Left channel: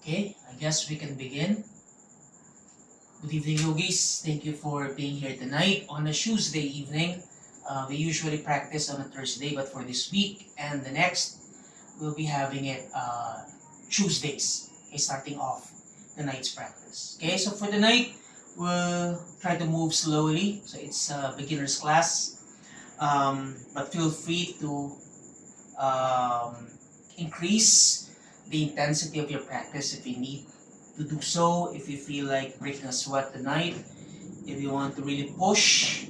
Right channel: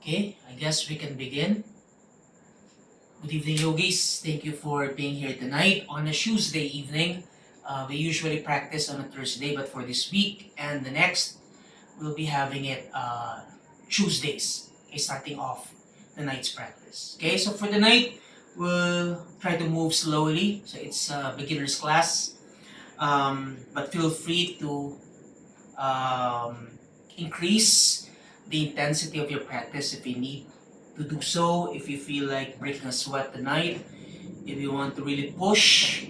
Okay, I guess we can begin. Good evening, yogis. Thank you for being here tonight on a Tuesday evening. We usually practice on a Thursday, but for this week and the next, we'll be having it Tuesdays. Okay, starting off the night's practice. Okay, so for the night, we'll try to move slowly. So it's a beginner's class, but feel free to um, increase the intensity of your practice if you need to do so, if you feel like breaking a sweat tonight, if you want to really push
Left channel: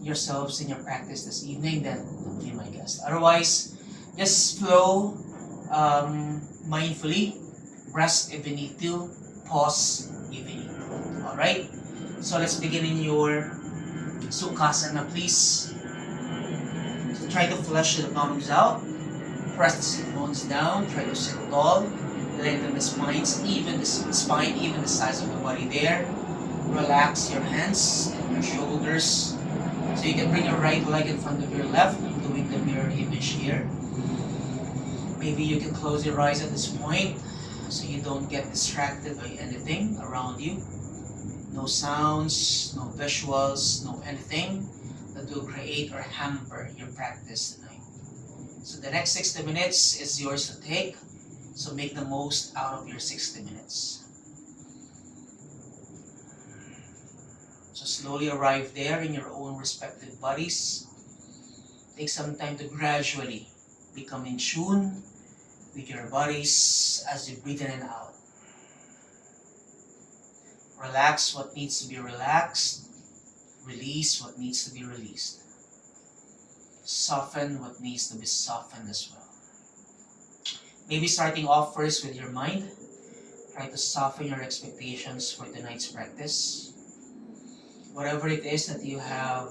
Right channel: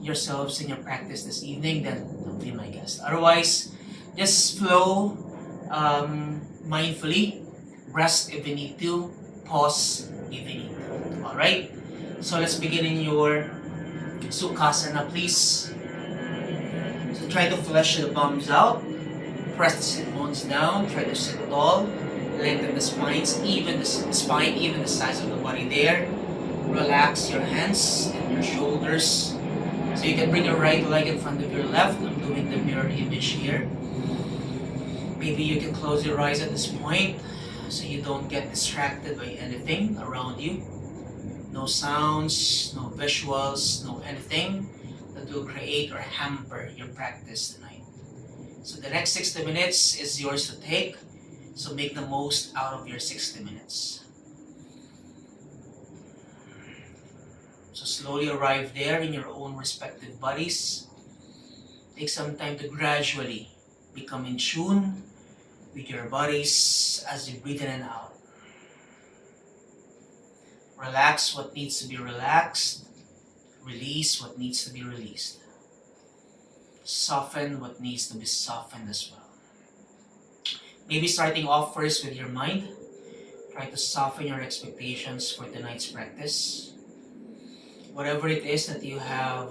yourselves in your practice this evening, then don't be my guest. Otherwise, just flow mindfully, rest if you need to, pause if you need to. Alright? So let's begin in your Sukhasana, please. So try to flush the palms out. Press the sit bones down. Try to sit tall. Lengthen the spines, even the spine, even the size of the body there. Relax your hands and your shoulders. So you can bring your right leg in front of your left. I'm doing the mirror image here. Maybe you can close your eyes at this point so you don't get distracted by anything around you. No sounds, no visuals, no anything that will create or hamper your practice tonight. So the next 60 minutes is yours to take. So make the most out of your 60 minutes. So slowly arrive there in your own respective bodies. Take some time to gradually become in tune with your bodies as you breathe in and out. Relax what needs to be relaxed. Release what needs to be released. Soften what needs to be softened as well. Maybe starting off first with your mind. Try to soften your expectations for tonight's practice. Whatever it is that you have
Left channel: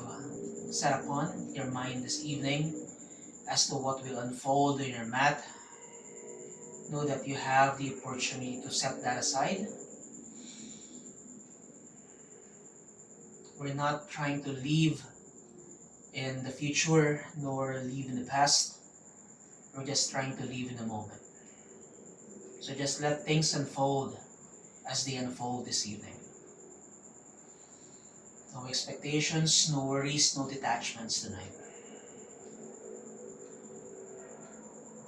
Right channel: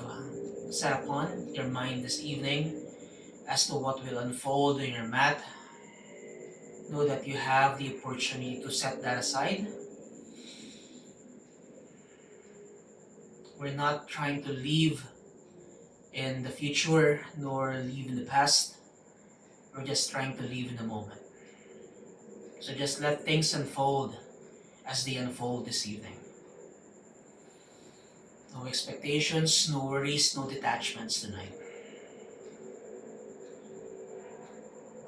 set upon your mind this evening as to what will unfold in your mat, know that you have the opportunity to set that aside. We're not trying to live in the future nor live in the past. We're just trying to live in the moment. So just let things unfold as they unfold this evening. No expectations, no worries, no detachments tonight.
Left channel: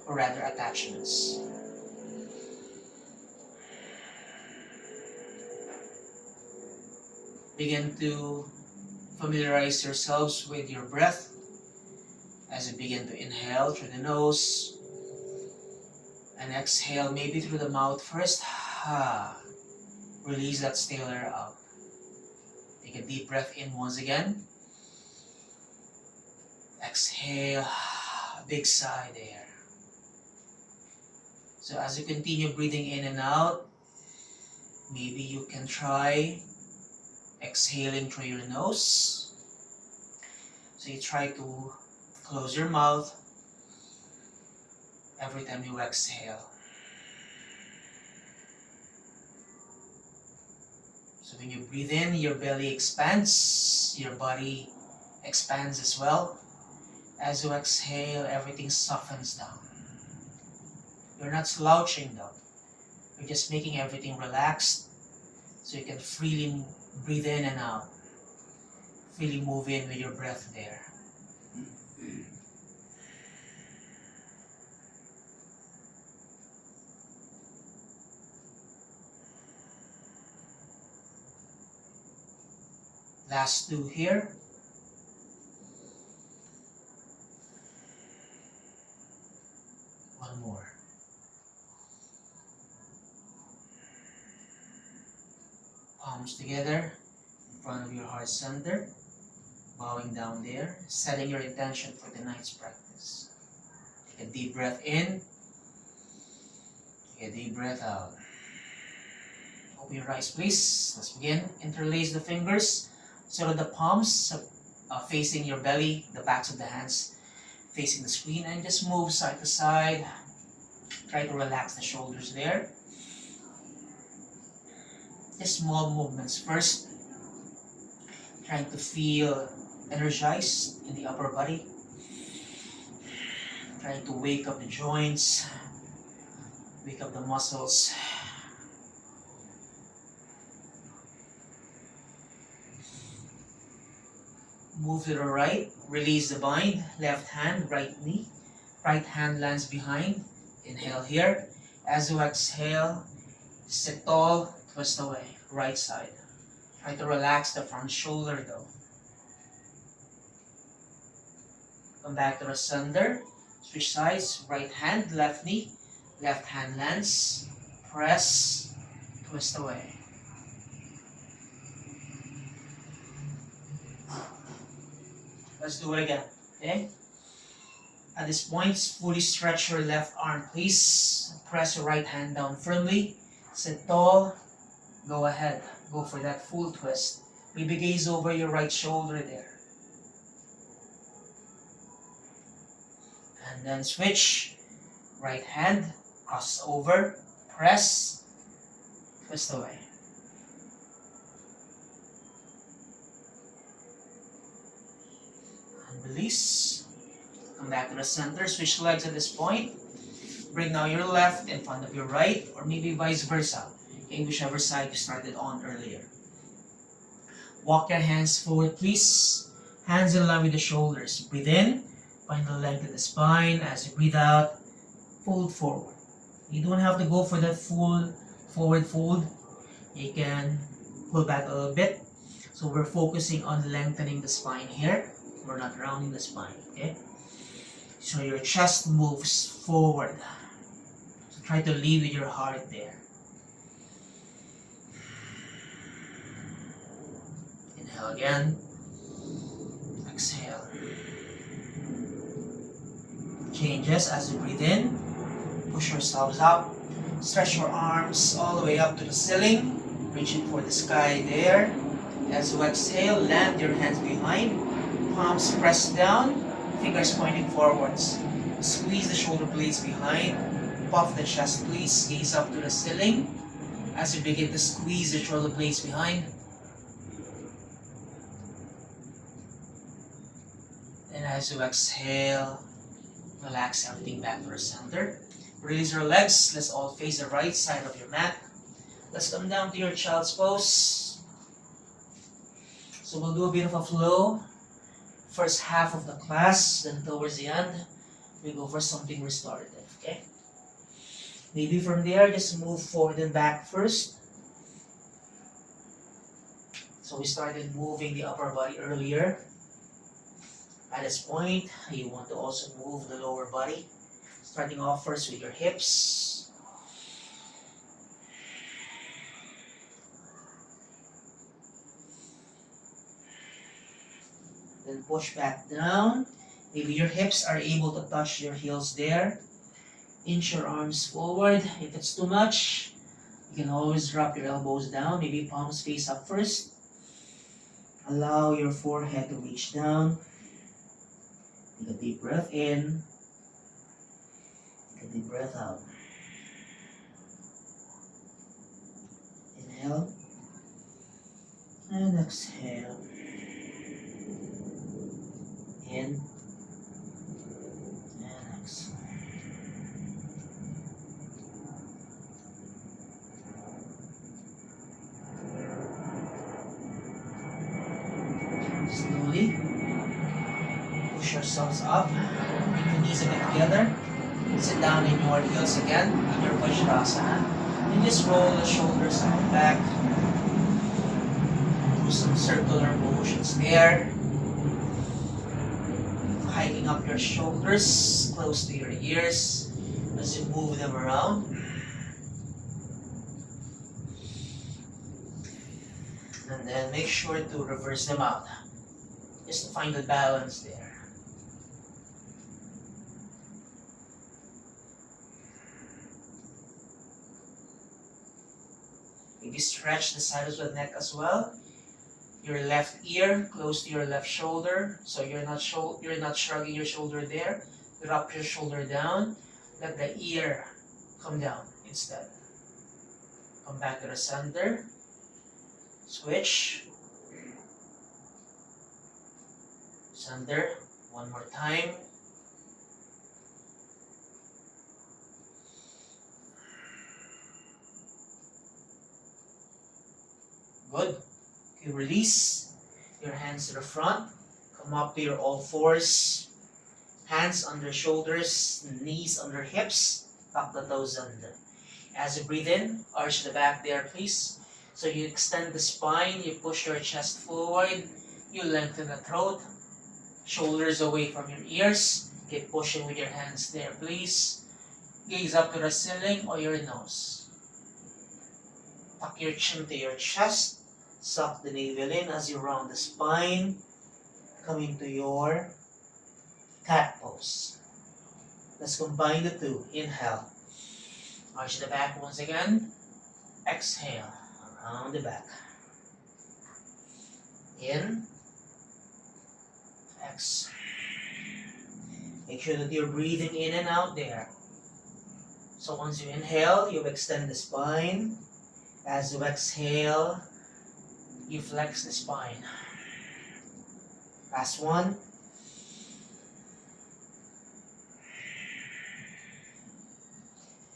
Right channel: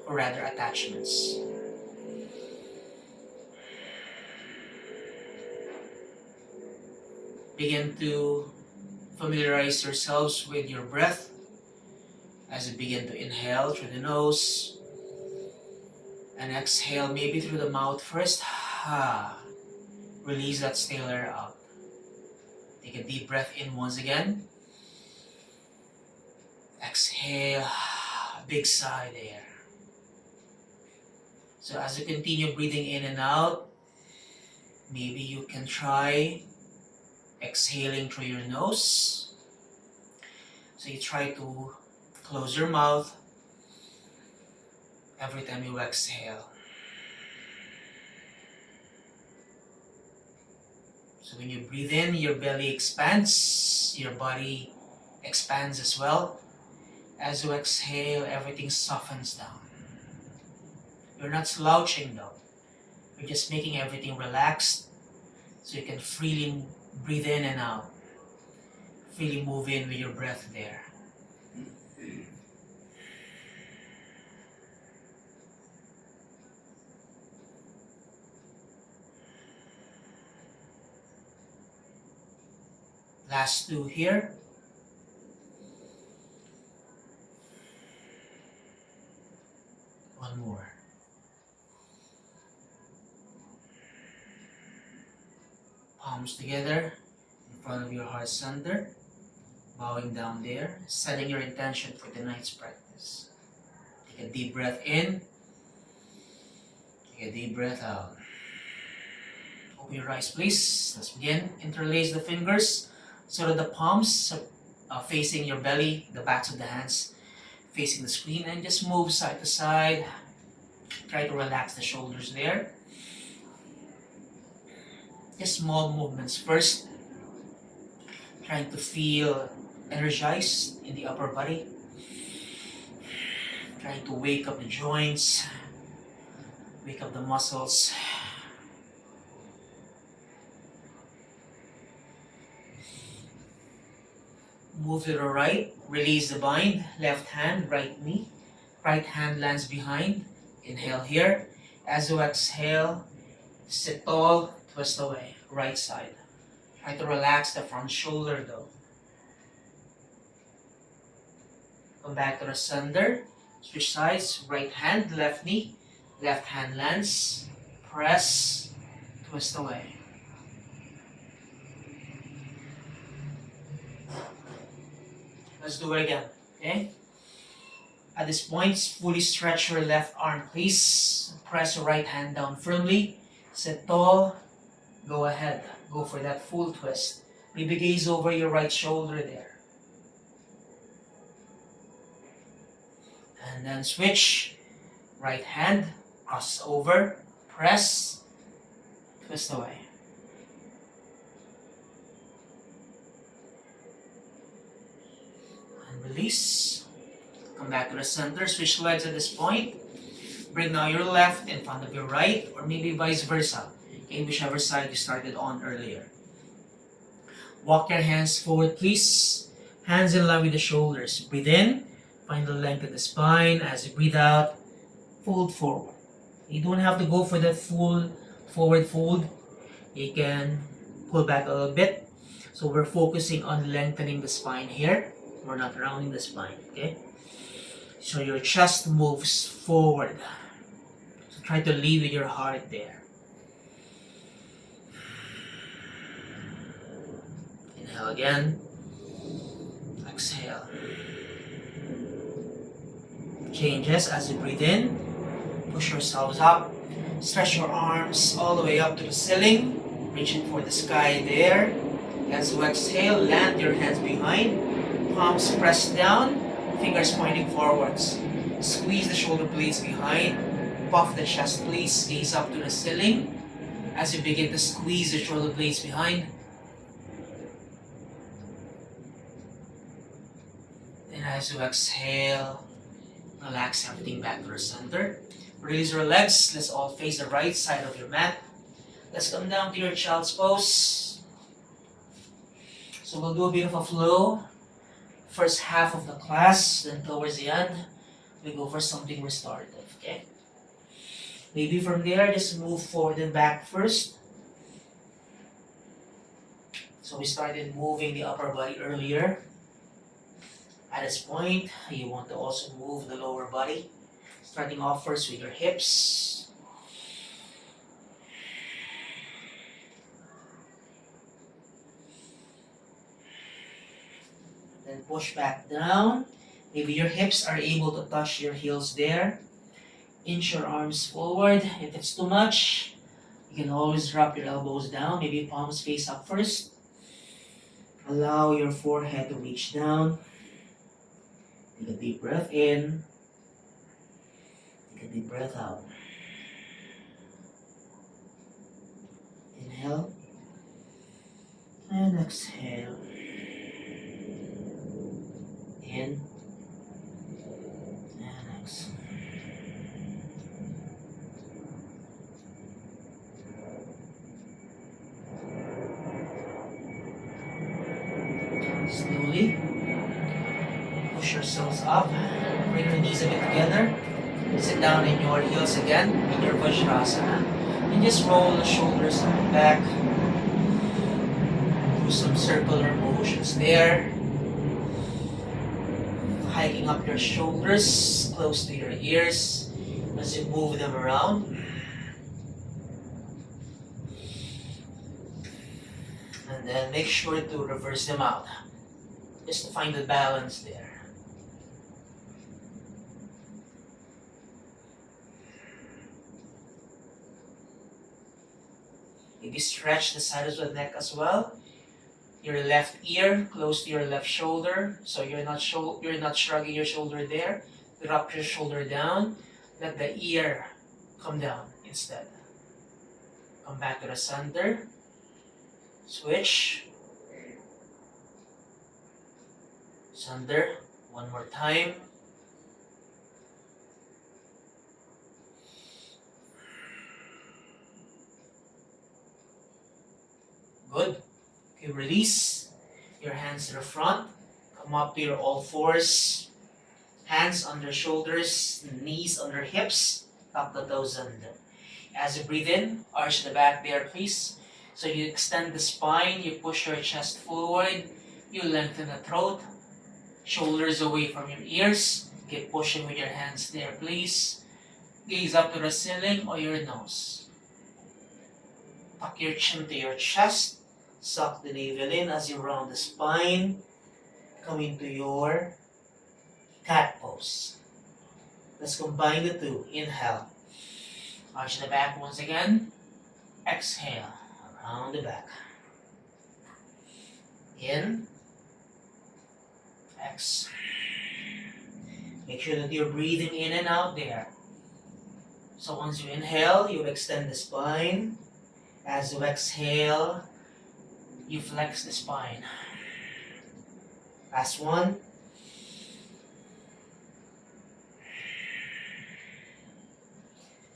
Or rather, attachments. Begin to familiarize yourselves with your breath as you begin to inhale through the nose and exhale maybe through the mouth first. Release that stale air out. Take a deep breath in once again. Exhale, big sigh there. So as you continue breathing in and out, maybe you can try exhaling through your nose. So you try to close your mouth every time you exhale. So when you breathe in, your belly expands, your body expands as well. As you exhale, everything softens down. You're not slouching down. You're just making everything relaxed so you can freely breathe in and out. Freely move in with your breath there. Last two here. One more. Palms together in front of your heart center. Bowing down there. Setting your intention for tonight's practice. Take a deep breath in. Take a deep breath out. Open your eyes, please. Let's begin. Interlace the fingers so that the palms are facing your belly, the backs of the hands facing the screen, and just move side to side. Try to relax the shoulders there. Just small movements first. Trying to feel energized in the upper body. Trying to wake up the joints, wake up the muscles. Move to the right, release the bind, left hand, right knee, right hand lands behind, inhale here. As you exhale, sit tall, twist away, right side. Try to relax the front shoulder though. Come back to the center, switch sides, right hand, left knee, left hand lands, press, twist away. Let's do it again, okay? At this point, fully stretch your left arm, please. Press your right hand down firmly. Sit tall. Go ahead. Go for that full twist. Maybe gaze over your right shoulder there. And then switch. Right hand, cross over, press, twist away. And release. Come back to the center, switch legs at this point. Bring now your left in front of your right, or maybe vice versa, in whichever side you started on earlier. Walk your hands forward, please. Hands in line with the shoulders. Breathe in, find the length of the spine. As you breathe out, fold forward. You don't have to go for that full forward fold. You can pull back a little bit. So we're focusing on lengthening the spine here. We're not rounding the spine, okay? So your chest moves forward. So try to lead with your heart there. Inhale again. Exhale. Changes as you breathe in. Push yourselves up. Stretch your arms all the way up to the ceiling. Reaching for the sky there. As you exhale, land your hands behind. Palms pressed down. Fingers pointing forwards. Squeeze the shoulder blades behind. Puff the chest, please. Gaze up to the ceiling. As you begin to squeeze the shoulder blades behind. And as you exhale, relax everything back to the center. Release your legs. Let's all face the right side of your mat. Let's come down to your child's pose. So we'll do a bit of a flow. First half of the class, then towards the end, we go for something restorative, okay? Maybe from there, just move forward and back first. So we started moving the upper body earlier. At this point, you want to also move the lower body. Starting off first with your hips. Then push back down. Maybe your hips are able to touch your heels there. Inch your arms forward. If it's too much, you can always drop your elbows down. Maybe palms face up first. Allow your forehead to reach down. Take a deep breath in. Take a deep breath out. Inhale. And exhale. In. And exhale. Slowly push yourselves up. Bring your knees a bit together. Sit down in your heels again in your Vajrasana. And just roll the shoulders up back. Do some circular motions there. Hiking up your shoulders close to your ears as you move them around. And then make sure to reverse them out, just to find the balance there. Maybe stretch the sides of the neck as well. Your left ear close to your left shoulder, so you're not shrugging your shoulder there. Drop your shoulder down. Let the ear come down instead. Come back to the center. Switch. Center. One more time. Good. Okay, release your hands to the front. Come up to your all fours. Hands under shoulders, knees under hips, tuck the toes under. As you breathe in, arch the back there, please. So you extend the spine, you push your chest forward, you lengthen the throat, shoulders away from your ears. Keep pushing with your hands there, please. Gaze up to the ceiling or your nose. Tuck your chin to your chest. Suck the navel in as you round the spine. Come into your cat pose. Let's combine the two. Inhale. Arch the back once again. Exhale. Around the back. In. X. Make sure that you're breathing in and out there. So once you inhale, you extend the spine. As you exhale, you flex the spine. Last one.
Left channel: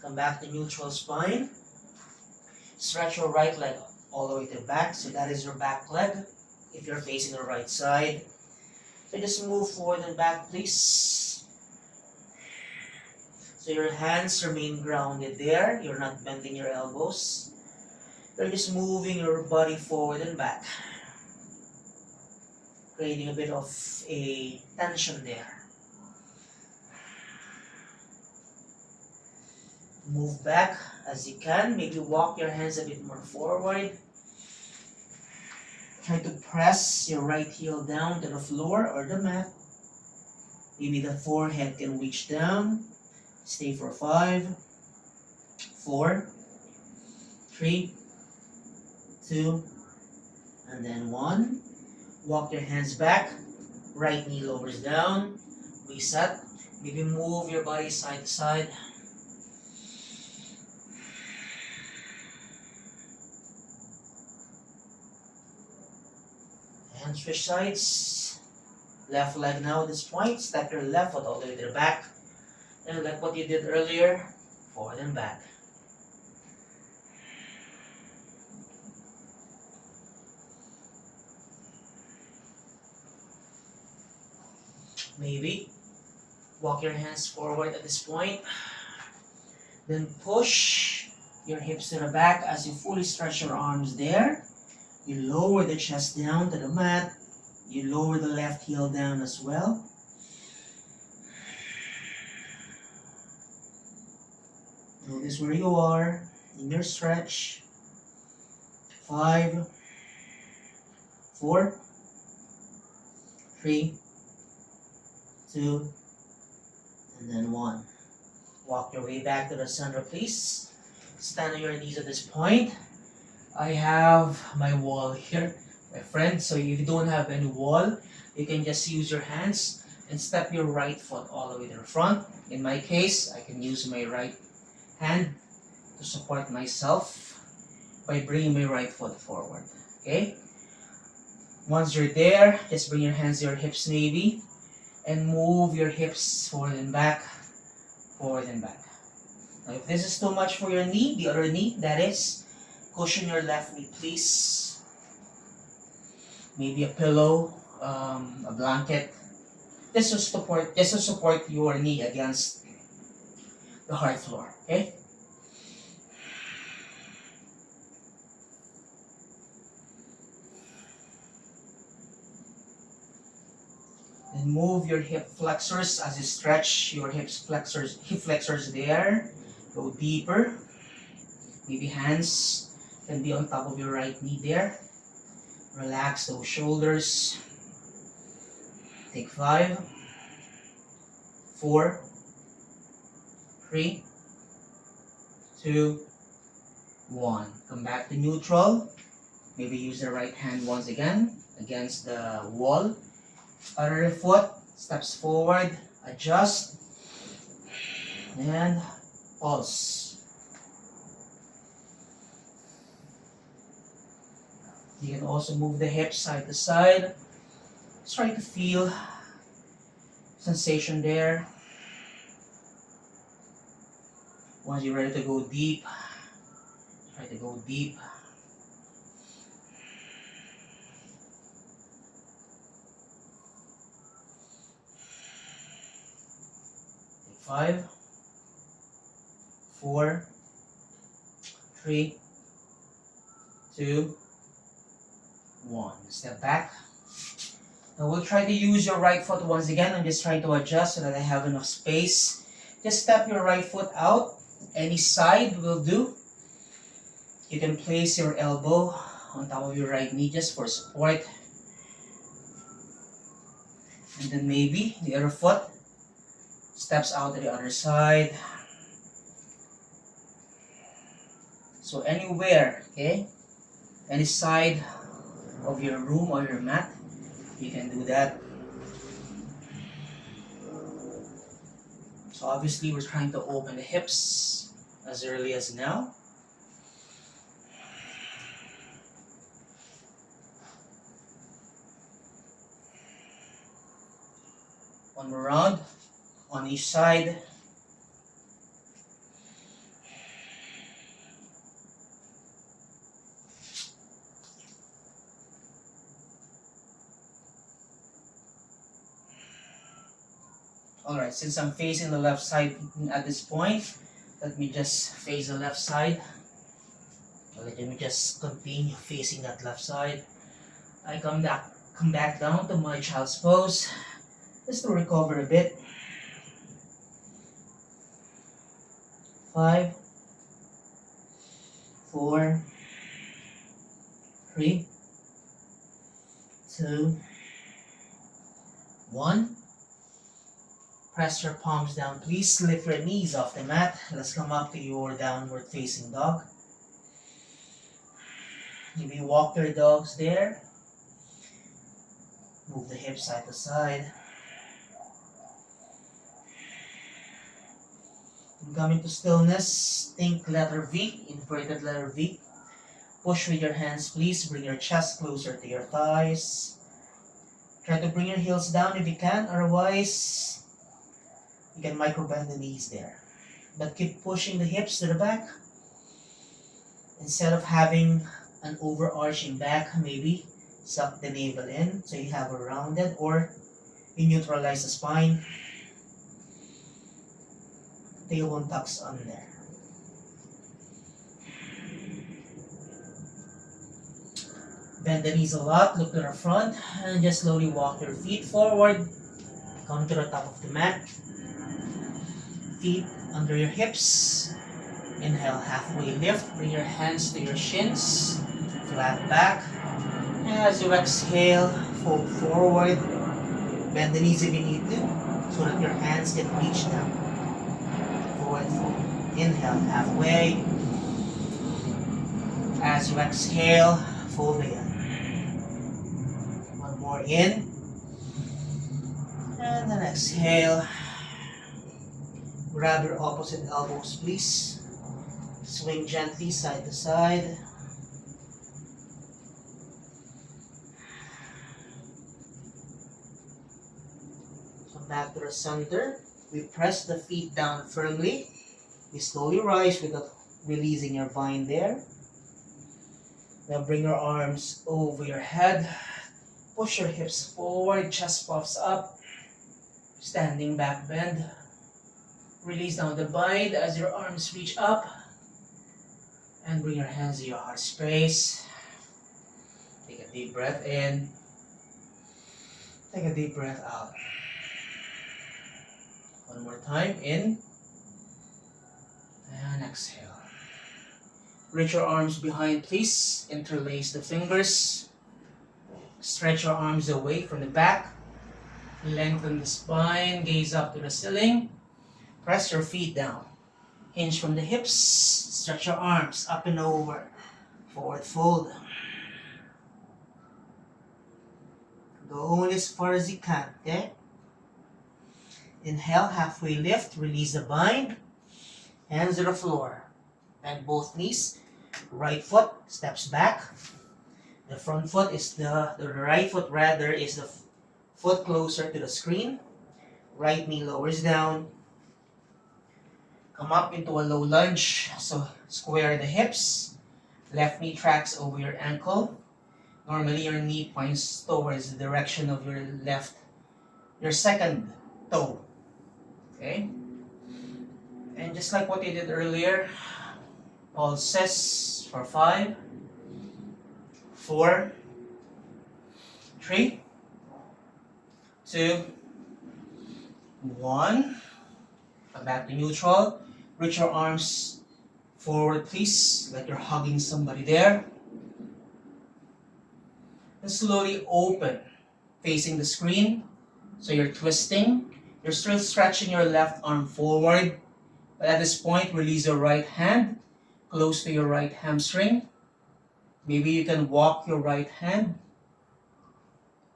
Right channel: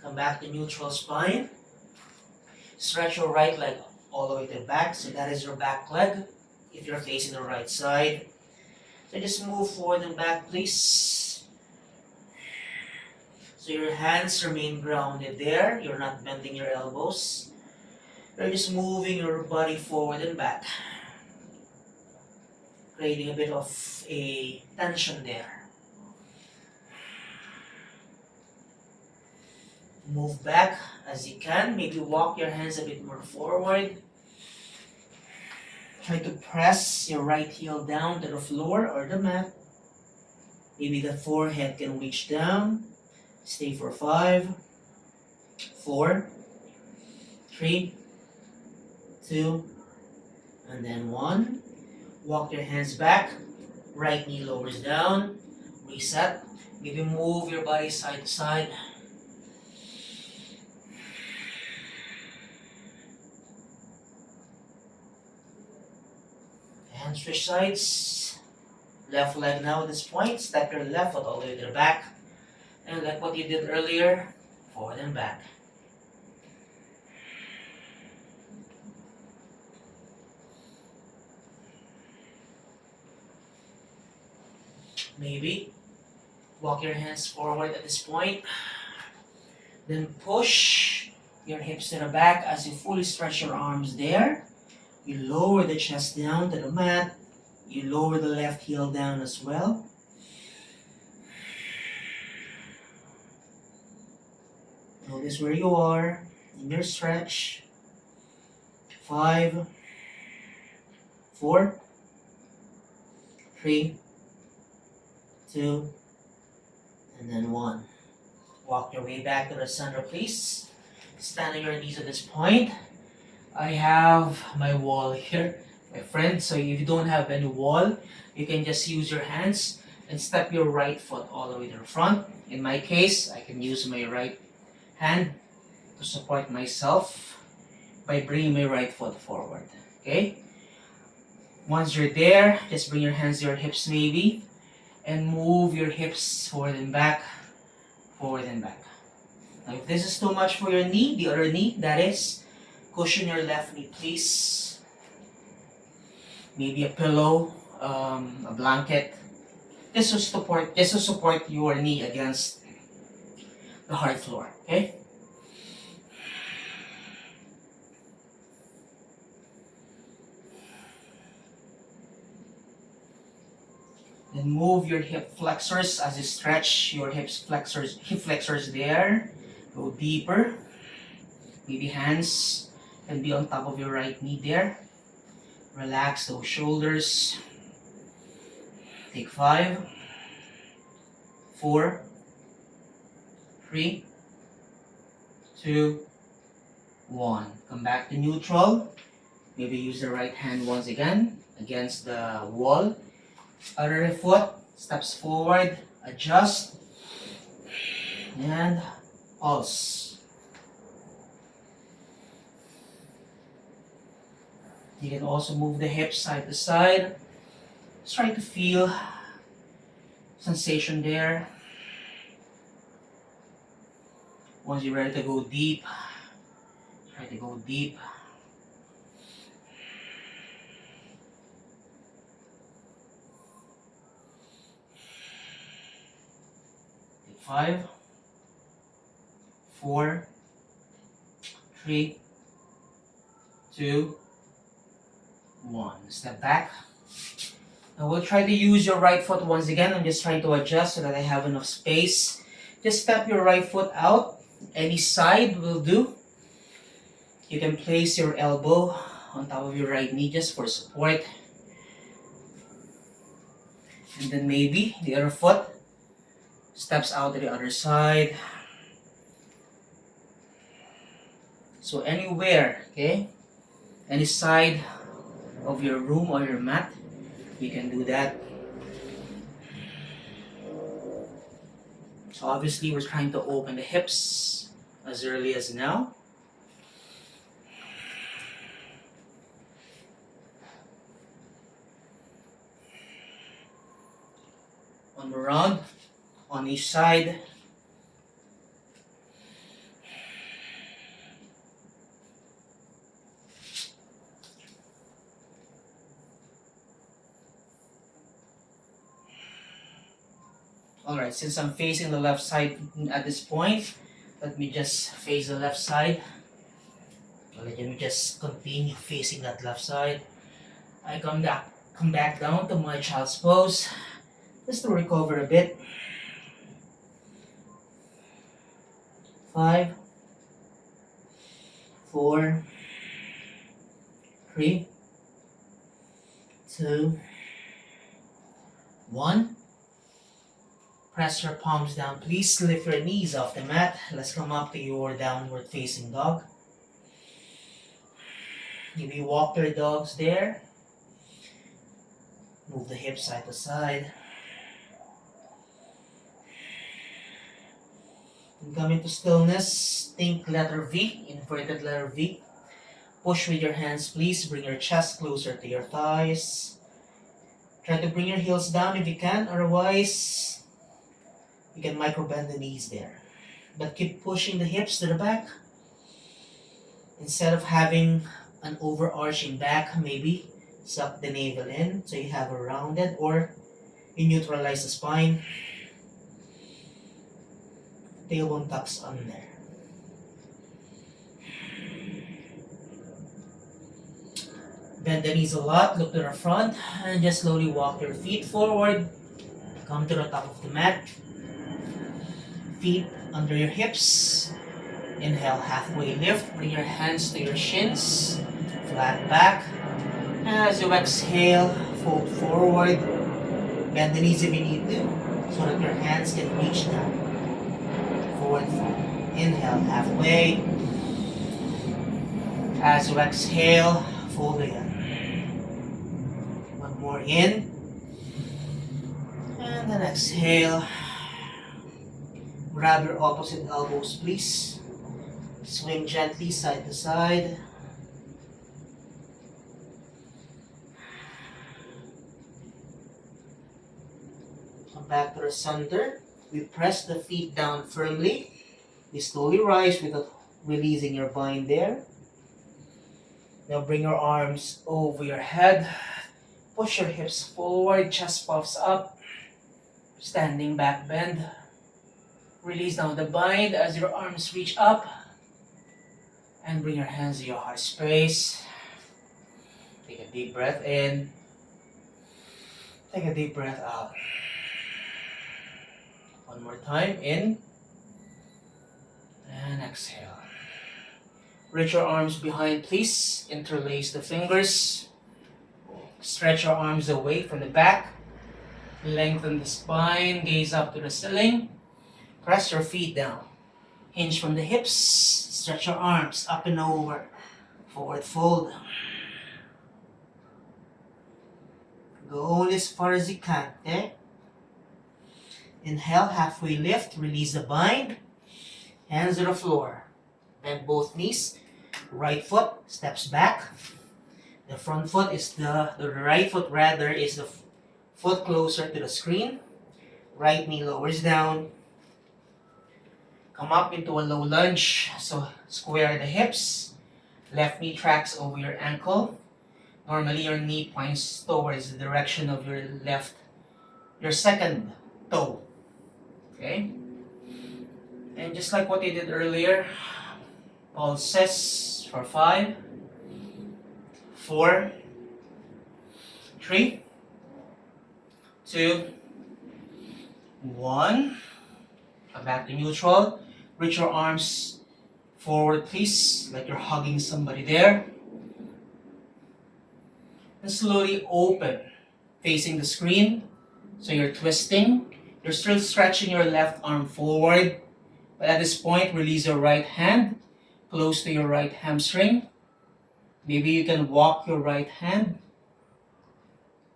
Come back to neutral spine. Stretch your right leg all the way to the back. So that is your back leg if you're facing the right side. So just move forward and back, please. So your hands remain grounded there. You're not bending your elbows. You're just moving your body forward and back. Creating a bit of a tension there. Move back as you can. Maybe walk your hands a bit more forward. Try to press your right heel down to the floor or the mat. Maybe the forehead can reach down. Stay for 5, 4, 3, 2, and then 1. Walk your hands back. Right knee lowers down. Reset. Maybe move your body side to side. And switch sides. Left leg now at this point. Step your left foot all the way to the back. And like what you did earlier, forward and back. Maybe walk your hands forward at this point. Then push your hips to the back as you fully stretch your arms there. You lower the chest down to the mat. You lower the left heel down as well. Notice where you are in your stretch. 5, 4, 3, 2, and then 1. Walk your way back to the center, please. Stand on your knees at this point. I have my wall here, my friend. So if you don't have any wall, you can just use your hands and step your right foot all the way to the front. In my case, I can use my right hand to support myself by bringing my right foot forward. Okay? Once you're there, just bring your hands to your hips maybe and move your hips forward and back, forward and back. Now if this is too much for your knee, the other knee, that is, cushion your left knee please. Maybe a pillow, a blanket, just to support your knee against the hard floor. Okay? Then move your hip flexors as you stretch your hip flexors there. Go deeper. Maybe hands can be on top of your right knee there. Relax those shoulders. Take 5, 4, 3, 2, 1. Come back to neutral. Maybe use the right hand once again against the wall. Other foot steps forward, adjust, and pulse. You can also move the hips side to side. Just try to feel sensation there. Once you're ready to go deep, try to go deep. 5, 4, 3, 2, 1. Step back. Now we'll try to use your right foot once again. I'm just trying to adjust so that I have enough space. Just step your right foot out. Any side will do. You can place your elbow on top of your right knee just for support. And then maybe the other foot steps out to the other side. So anywhere, okay? Any side of your room or your mat, you can do that. So obviously we're trying to open the hips as early as now. One more round on each side. Alright, since I'm facing the left side at this point, let me just face the left side. Let me just continue facing that left side. I come back down to my child's pose just to recover a bit. 5, 4, 3, 2, 1. Press your palms down. Please lift your knees off the mat. Let's come up to your downward facing dog. Maybe walk your dogs there. Move the hips side to side. And come into stillness. Think letter V, inverted letter V. Push with your hands, please. Bring your chest closer to your thighs. Try to bring your heels down if you can. Otherwise, you can micro bend the knees there. But keep pushing the hips to the back. Instead of having an overarching back, maybe suck the navel in so you have a rounded, or you neutralize the spine. Tailbone tucks on there. Bend the knees a lot, look to the front, and just slowly walk your feet forward. Come to the top of the mat. Feet under your hips. Inhale, halfway lift. Bring your hands to your shins. Flat back. And as you exhale, fold forward. Bend the knees if you need to, so that your hands can reach down. Forward fold. Inhale, halfway. As you exhale, fold again. One more in. And then exhale. Grab your opposite elbows, please. Swing gently side to side. Come back to the center. We press the feet down firmly. We slowly rise without releasing your bind there. Now bring your arms over your head. Push your hips forward, chest puffs up. Standing back bend. Release down the bind as your arms reach up. And bring your hands to your heart space. Take a deep breath in. Take a deep breath out. One more time, in. And exhale. Reach your arms behind, please. Interlace the fingers. Stretch your arms away from the back. Lengthen the spine, gaze up to the ceiling. Press your feet down. Hinge from the hips. Stretch your arms up and over. Forward fold. Go only as far as you can, okay? Inhale, halfway lift. Release the bind. Hands to the floor. Bend both knees. Right foot steps back. The front foot is the right foot rather is the foot closer to the screen. Right knee lowers down. Come up into a low lunge. So square the hips. Left knee tracks over your ankle. Normally your knee points towards the direction of your second toe. Okay? And just like what you did earlier, pulses for 5, 4, 3, 2, 1. Come back to neutral. Reach your arms forward, please, like you're hugging somebody there. And slowly open, facing the screen. So you're twisting. You're still stretching your left arm forward. But at this point, release your right hand close to your right hamstring. Maybe you can walk your right hand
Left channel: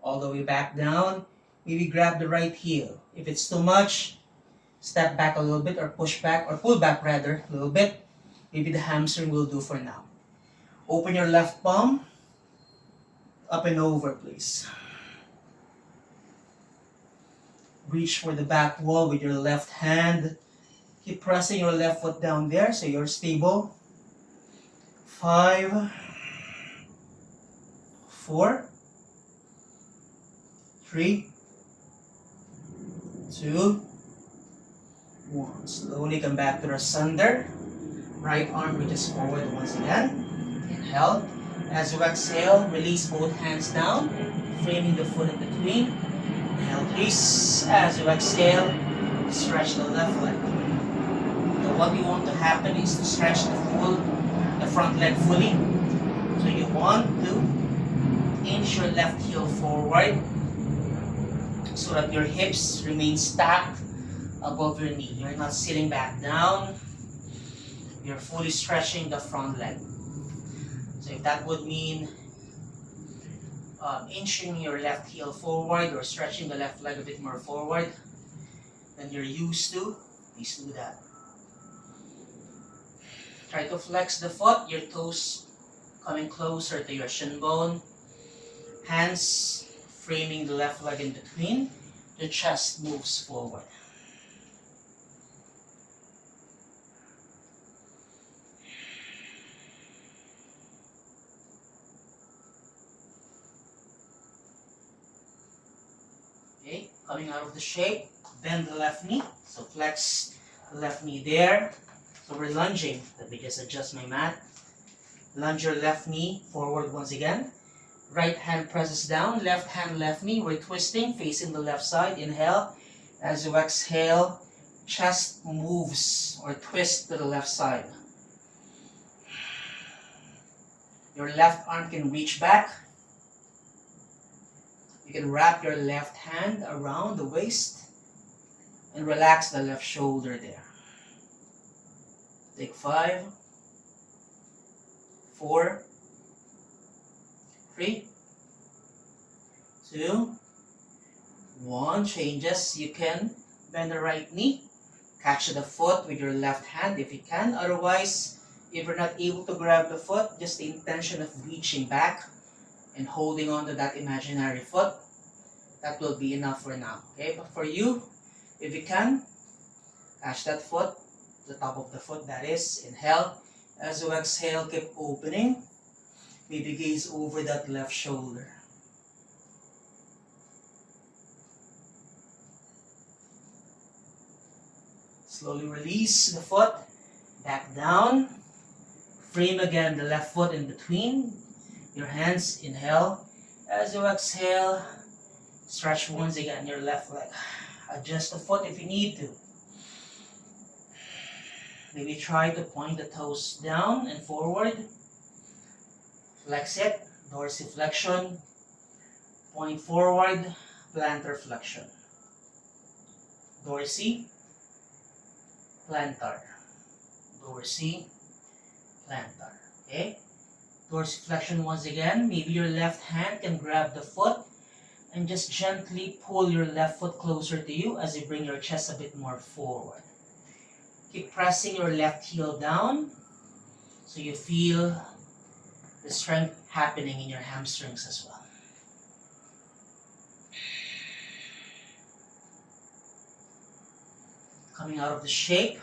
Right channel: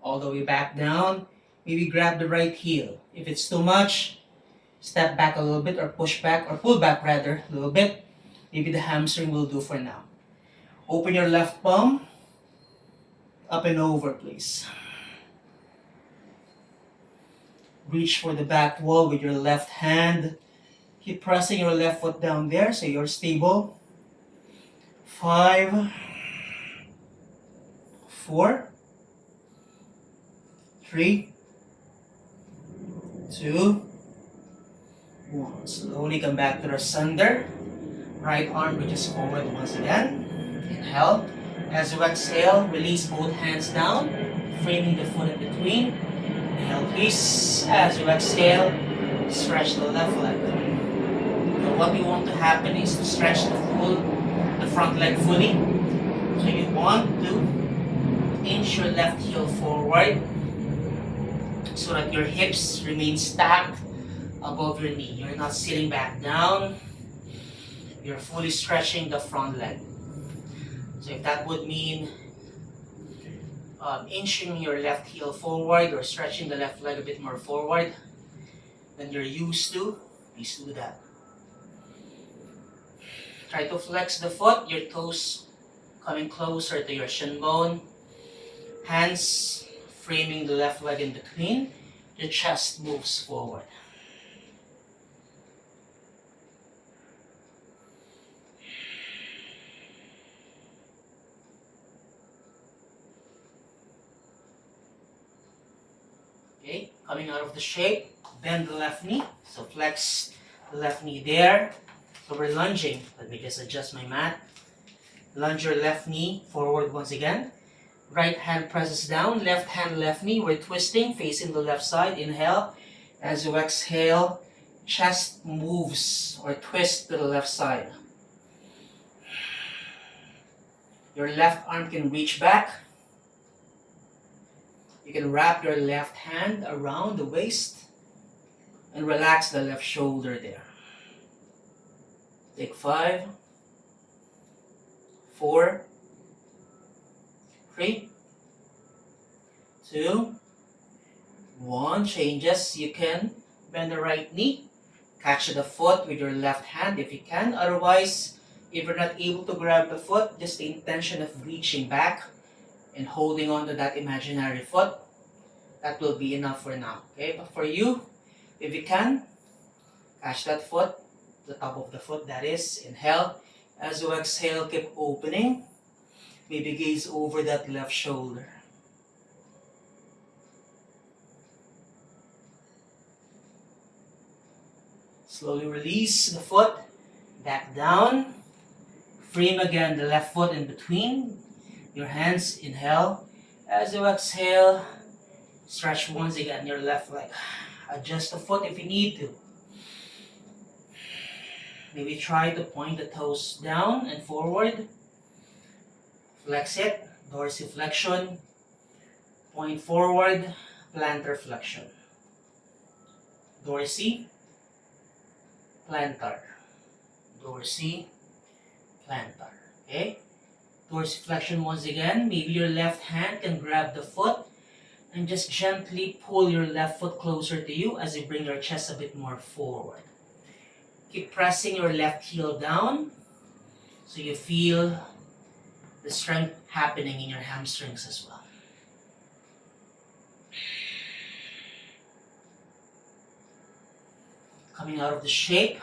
all the way back down. Maybe grab the right heel. If it's too much, step back a little bit or push back or pull back rather a little bit. Maybe the hamstring will do for now. Open your left palm. Up and over, please. Reach for the back wall with your left hand. Keep pressing your left foot down there so you're stable. 5, 4, 3, 2, 1. Slowly come back to the center. Right arm reaches forward once again. Inhale. As you exhale, release both hands down, framing the foot in between. Inhale, please. As you exhale, stretch the left leg. Now what you want to happen is to stretch the front leg fully. So you want to inch your left heel forward so that your hips remain stacked above your knee. You're not sitting back down. You're fully stretching the front leg. So if that would mean inching your left heel forward or stretching the left leg a bit more forward than you're used to, please do that. Try to flex the foot, your toes coming closer to your shin bone. Hands framing the left leg in between. The chest moves forward. Okay, coming out of the shape, bend the left knee. So flex the left knee there. So we're lunging. Let me just adjust my mat. Lunge your left knee forward once again. Right hand presses down, left hand, left knee. We're twisting, facing the left side. Inhale. As you exhale, chest moves or twists to the left side. Your left arm can reach back. You can wrap your left hand around the waist and relax the left shoulder there. Take 5, 4, 3, 2, 1. Changes. You can bend the right knee. Catch the foot with your left hand if you can. Otherwise, if you're not able to grab the foot, just the intention of reaching back and holding on to that imaginary foot, that will be enough for now. Okay, but for you, if you can, catch that foot, the top of the foot, that is. Inhale. As you exhale, keep opening. Maybe gaze over that left shoulder. Slowly release the foot back down. Frame again the left foot in between your hands. Inhale. As you exhale, stretch once again your left leg. Adjust the foot if you need to. Maybe try to point the toes down and forward. Flex it, dorsiflexion. Point forward, plantar flexion. Dorsi, plantar. Dorsi, plantar. Okay? Dorsiflexion once again. Maybe your left hand can grab the foot and just gently pull your left foot closer to you as you bring your chest a bit more forward. Keep pressing your left heel down so you feel the strength happening in your hamstrings as well. Coming out of the shape,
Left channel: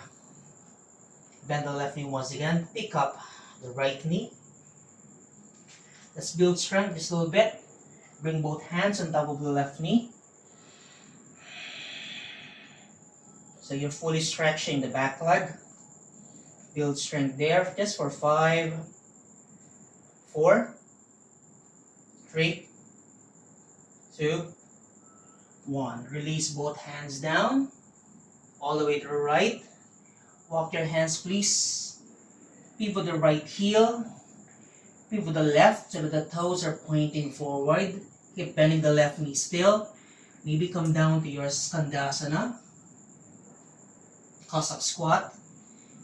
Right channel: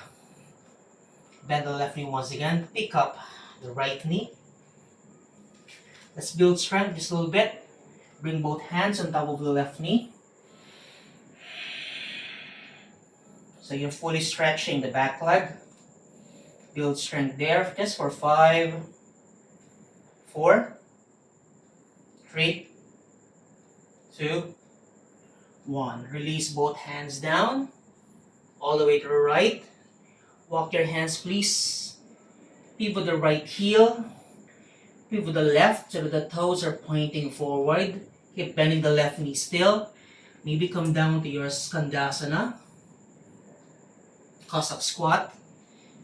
bend the left knee once again. Pick up the right knee. Let's build strength just a little bit. Bring both hands on top of the left knee. So you're fully stretching the back leg. Build strength there just for 5, 4, 3, 2, 1. Release both hands down, all the way to the right. Walk your hands, please. Pivot the right heel. Pivot the left so that the toes are pointing forward. Keep bending the left knee still. Maybe come down to your Skandasana, Cossack squat.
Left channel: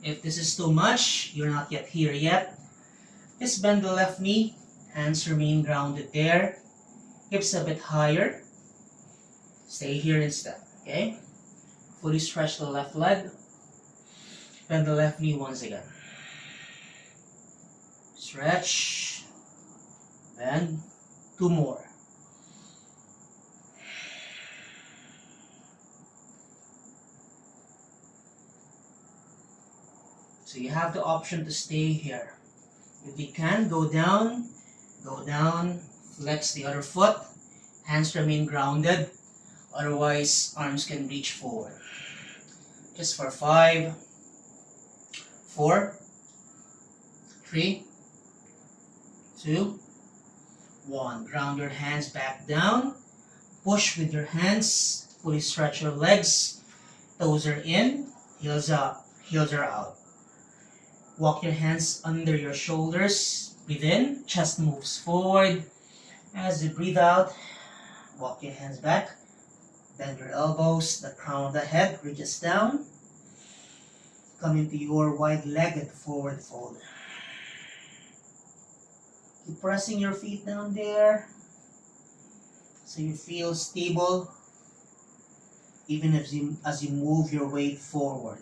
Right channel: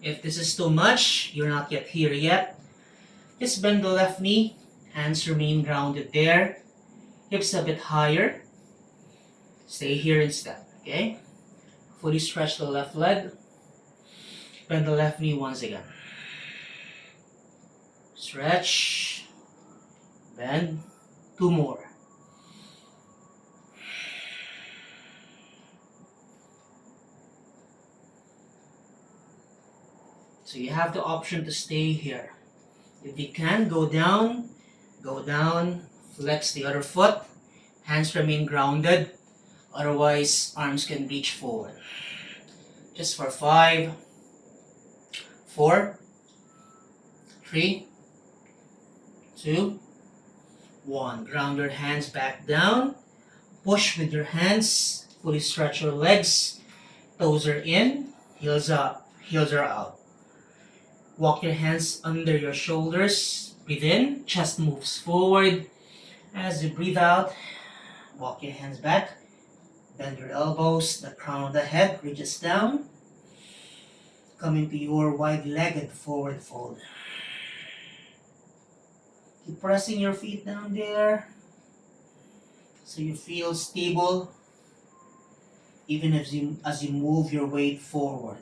If this is too much, you're not yet here yet. Just bend the left knee. Hands remain grounded there. Hips a bit higher. Stay here instead, okay? Fully stretch the left leg. Bend the left knee once again. Stretch. Bend. 2 more. So you have the option to stay here. If you can, go down, flex the other foot, hands remain grounded, otherwise arms can reach forward. Just for 5, 4, 3, 2, 1. Ground your hands back down, push with your hands, fully stretch your legs, toes are in, heels up, heels are out. Walk your hands under your shoulders. Breathe in, chest moves forward. As you breathe out, walk your hands back. Bend your elbows, the crown of the head reaches down. Come into your wide-legged forward fold. Keep pressing your feet down there so you feel stable even as you move your weight forward.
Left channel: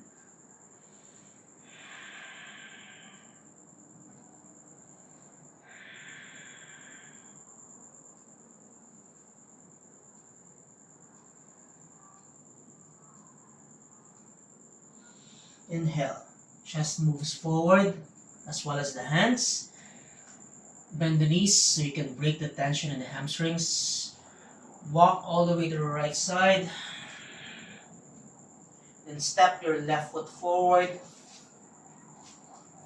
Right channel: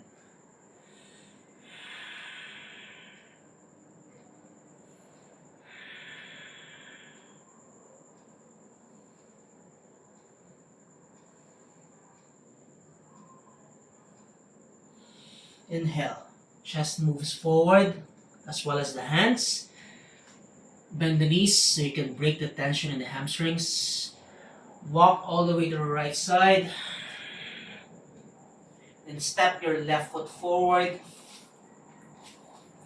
Inhale, chest moves forward as well as the hands. Bend the knees so you can break the tension in the hamstrings. Walk all the way to the right side. Then step your left foot forward.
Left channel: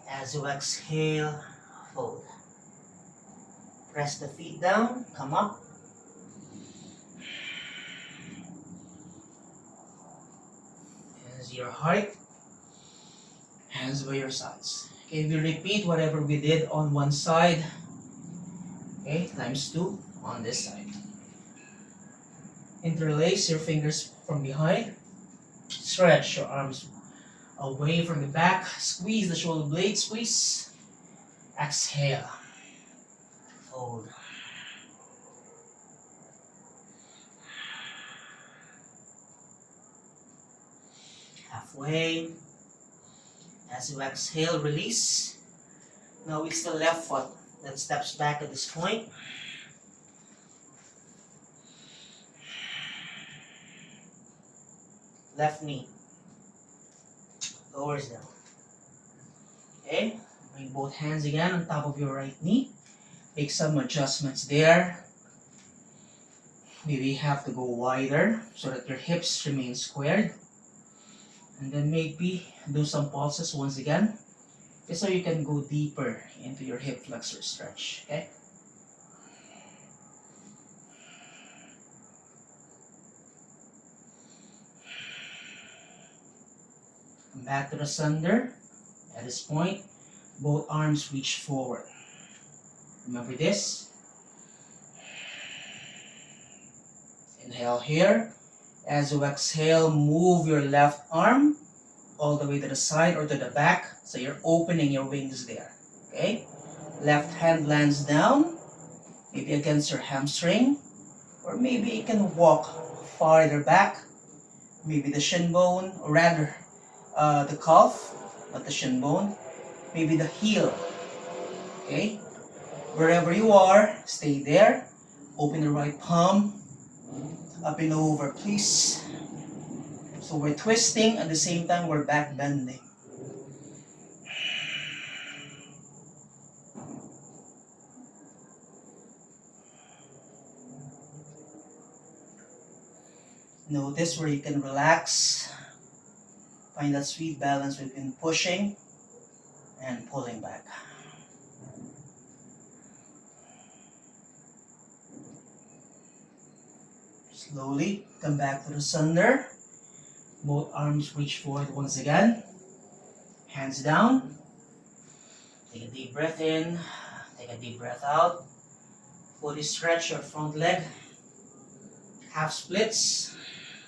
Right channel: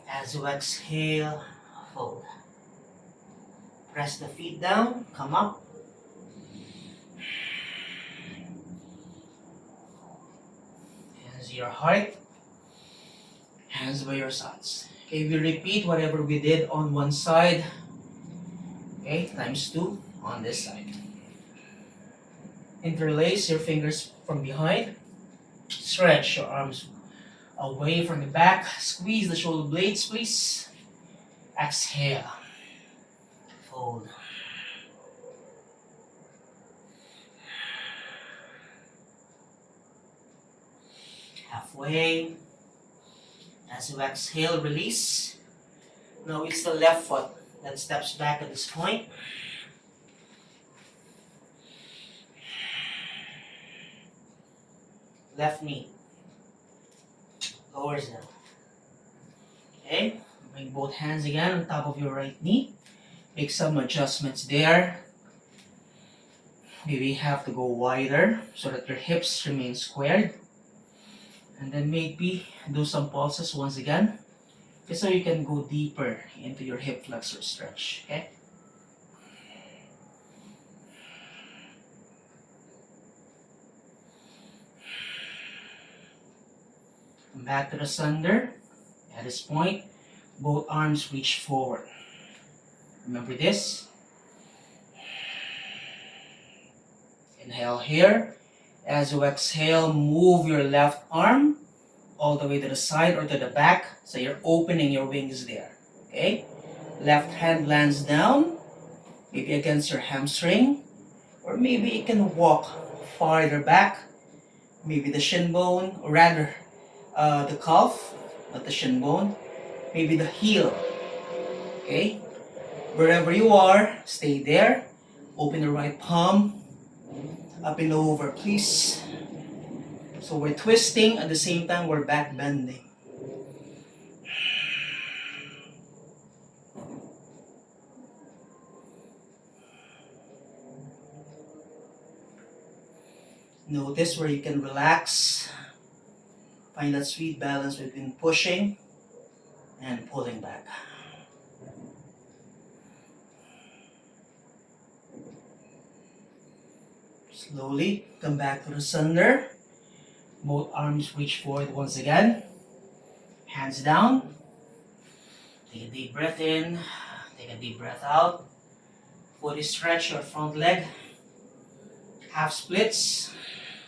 As you exhale, fold. Press the feet down, come up. As your heart. Hands by your sides. Okay, we repeat whatever we did on one side. Okay, times 2 on this side. Interlace your fingers from behind. Stretch your arms away from the back. Squeeze the shoulder blades, please. Exhale. Fold. Halfway. As you exhale, release. Now it's the left foot that steps back at this point. Left knee lowers down. Okay, bring both hands again on top of your right knee. Make some adjustments there. Maybe you have to go wider so that your hips remain squared. And then maybe do some pulses once again, just so you can go deeper into your hip flexor stretch, okay? Come back to the sunder. At this point, both arms reach forward. Remember this. Inhale here. As you exhale, move your left arm all the way to the side or to the back, so you're opening your wings there, okay? Left hand lands down, maybe against your hamstring, or maybe you can walk farther back, maybe the shin bone, or rather the calf, not the shin bone, maybe the heel, okay? Wherever you are, stay there. Open the right palm, up and over, please. So we're twisting, at the same time we're back bending. Notice where you can relax Find that sweet balance between pushing and pulling back. Slowly come back to the center. Both arms reach forward once again. Hands down. Take a deep breath in. Take a deep breath out. Fully stretch your front leg. Half splits.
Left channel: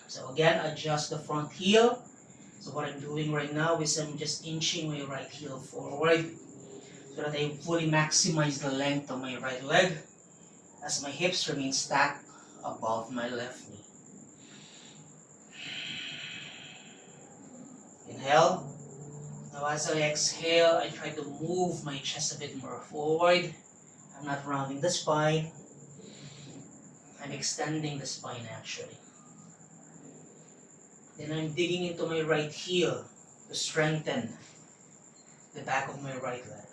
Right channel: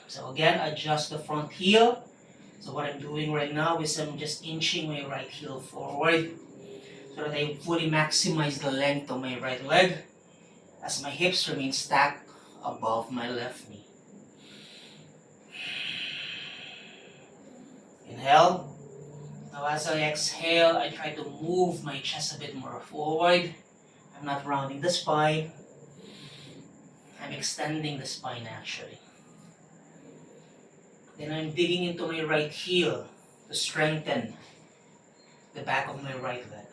So again, adjust the front heel. So what I'm doing right now is I'm just inching my right heel forward so that I fully maximize the length of my right leg as my hips remain stacked above my left knee. Inhale. Now as I exhale, I try to move my chest a bit more forward. I'm not rounding the spine. I'm extending the spine actually. Then I'm digging into my right heel to strengthen the back of my right leg.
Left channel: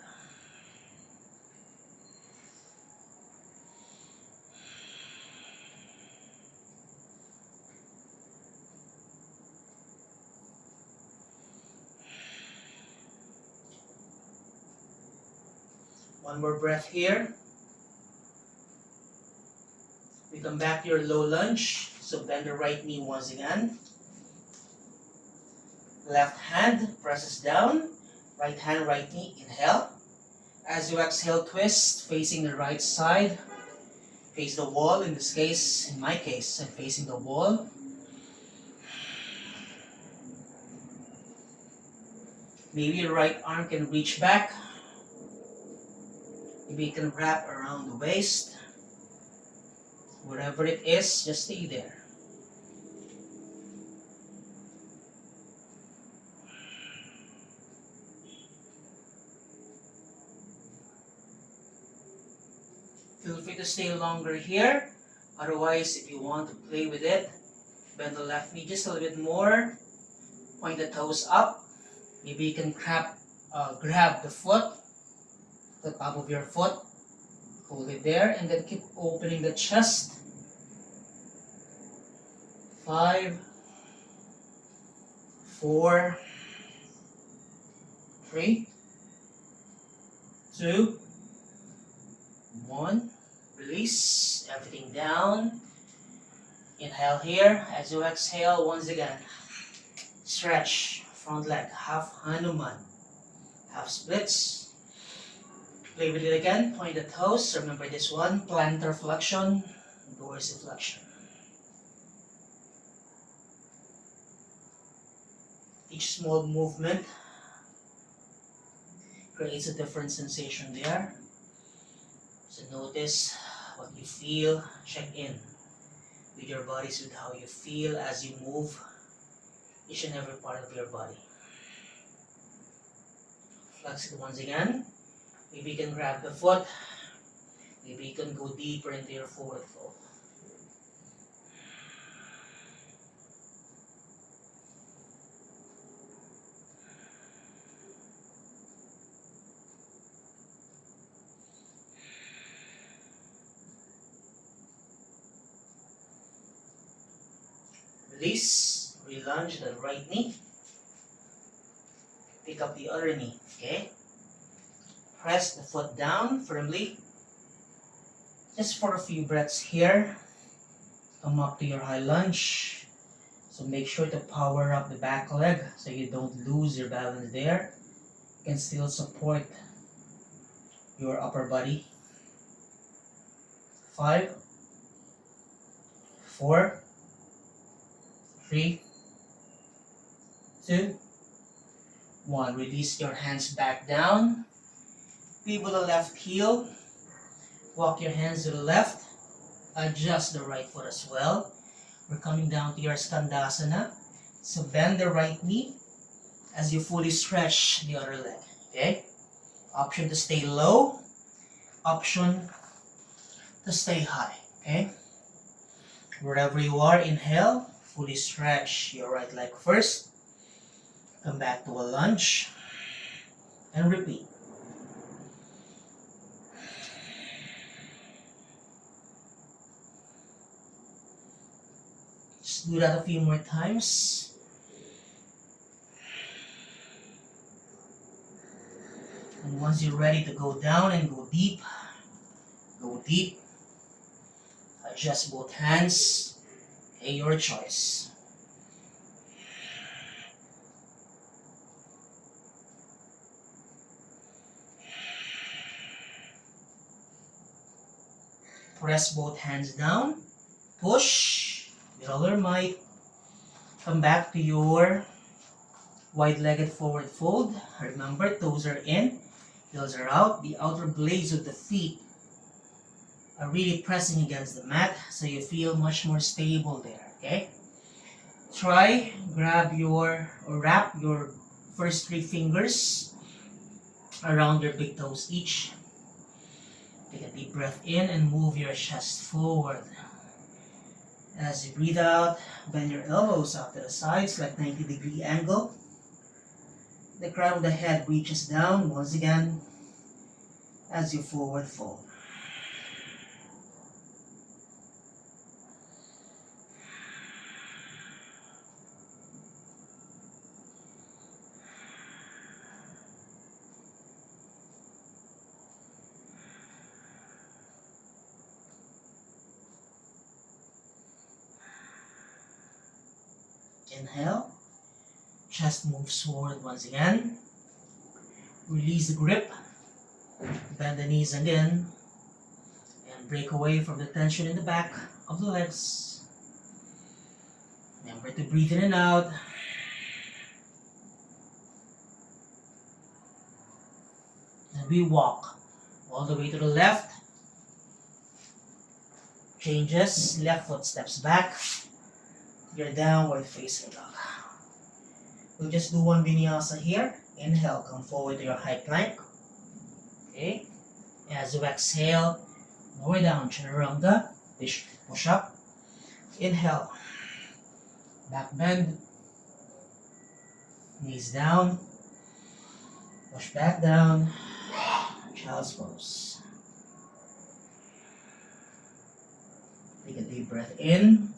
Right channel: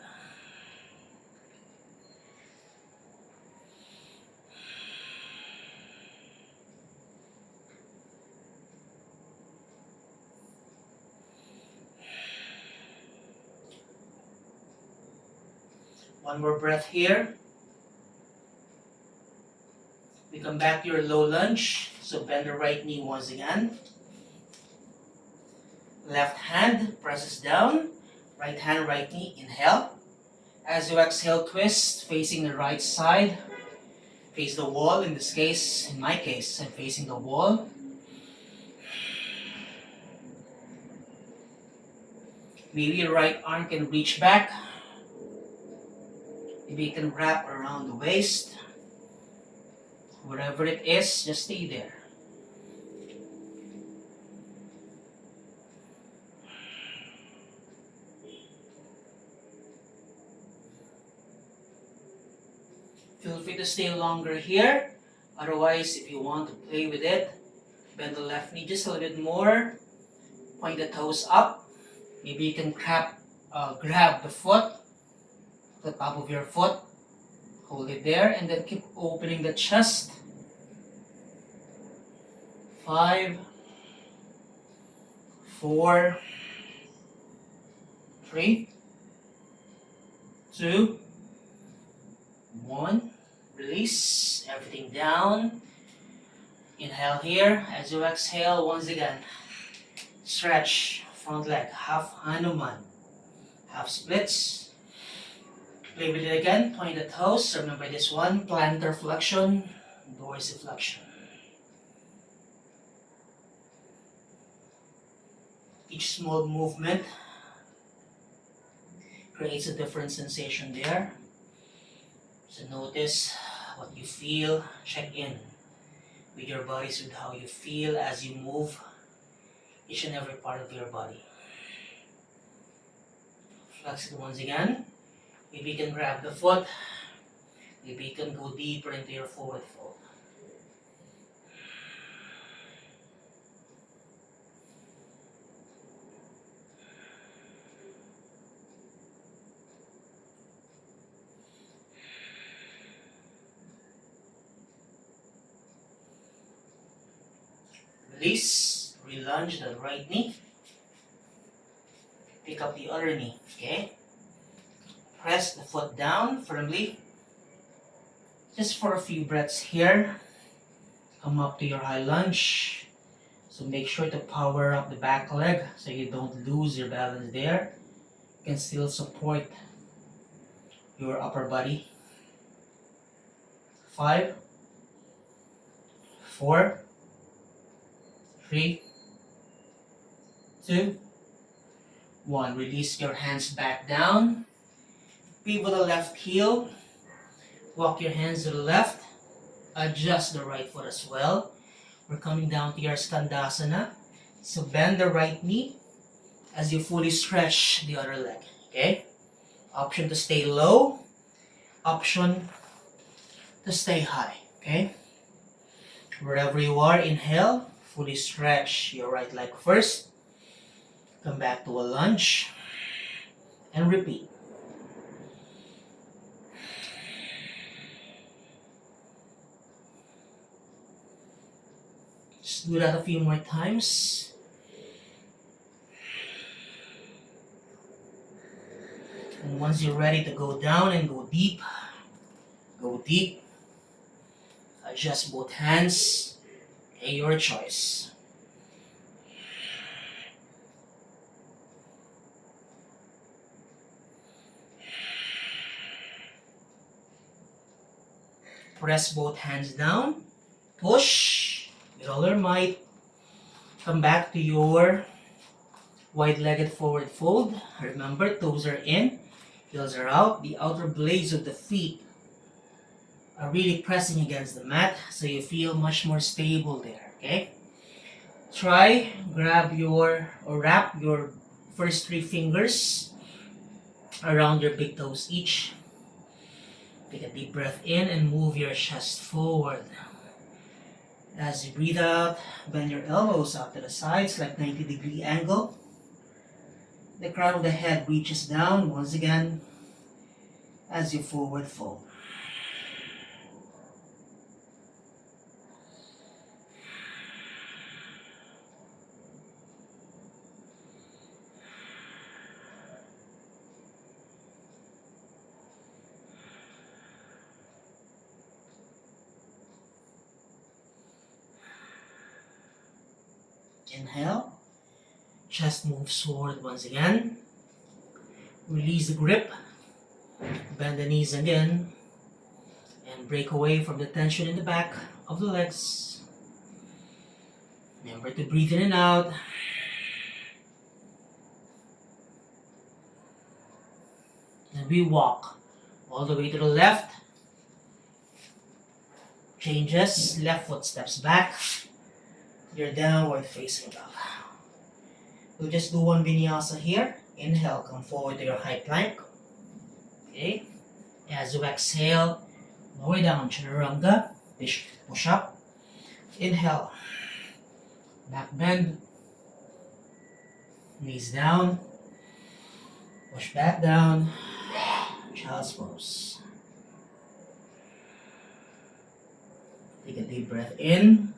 One more breath here. We come back to your low lunge. So bend the right knee once again. Left hand presses down. Right hand, right knee. Inhale. As you exhale, twist facing the right side. Face the wall. In this case, in my case, I'm facing the wall. Maybe your right arm can reach back. Maybe you can wrap around the waist. Wherever it is, just stay there. Feel free to stay longer here. Otherwise, if you want to play with it, bend the left knee just a little bit more. Point the toes up. Maybe you can grab the foot, the top of your foot. Hold it there and then keep opening the chest. 5, 4, 3, 2, 1. Release everything down. Inhale here. As you exhale, once again, stretch front leg, half Hanuman, half splits. Play with it again. Point the toes. Remember this one: plantar flexion, dorsiflexion. Each small movement creates a different sensation there. So notice what you feel. Check in with your bodies, with how you feel as you move each and every part of your body. Flex it once again. Maybe you can grab the foot. Maybe you can go deeper into your forward fold. Release, relunge the right knee. Pick up the other knee, okay? Press the foot down firmly. Just for a few breaths here. Come up to your high lunge. So make sure to power up the back leg so you don't lose your balance there. You can still support your upper body. 5, 4, 3, 2, 1. Release your hands back down. Pivot the left heel. Walk your hands to the left. Adjust the right foot as well. We're coming down to your Skandasana. So bend the right knee as you fully stretch the other leg. Okay? Option to stay low. Option to stay high. Okay? Wherever you are, inhale. Fully stretch your right leg first. Come back to a lunge. And repeat. Just do that a few more times. And once you're ready to go down and go deep, go deep. Adjust both hands. Okay, your choice. Press both hands down. Push with all your might. Come back to your wide-legged forward fold. Remember, toes are in, heels are out. The outer blades of the feet are really pressing against the mat, so you feel much more stable there, okay? Try, grab your, or wrap your first 3 fingers around your big toes each. Take a deep breath in and move your chest forward. As you breathe out, bend your elbows out to the sides like 90-degree angle. The crown of the head reaches down once again as you forward fold. Inhale, chest moves forward once again. Release the grip, bend the knees again, and break away from the tension in the back of the legs. Remember to breathe in and out. And we walk all the way to the left. Changes, left foot steps back. Your downward facing dog. We'll just do one vinyasa here. Inhale, come forward to your high plank. Okay. As you exhale, lower down, chaturanga, push up. Inhale, back bend, knees down, push back down, child's pose. Take a deep breath in.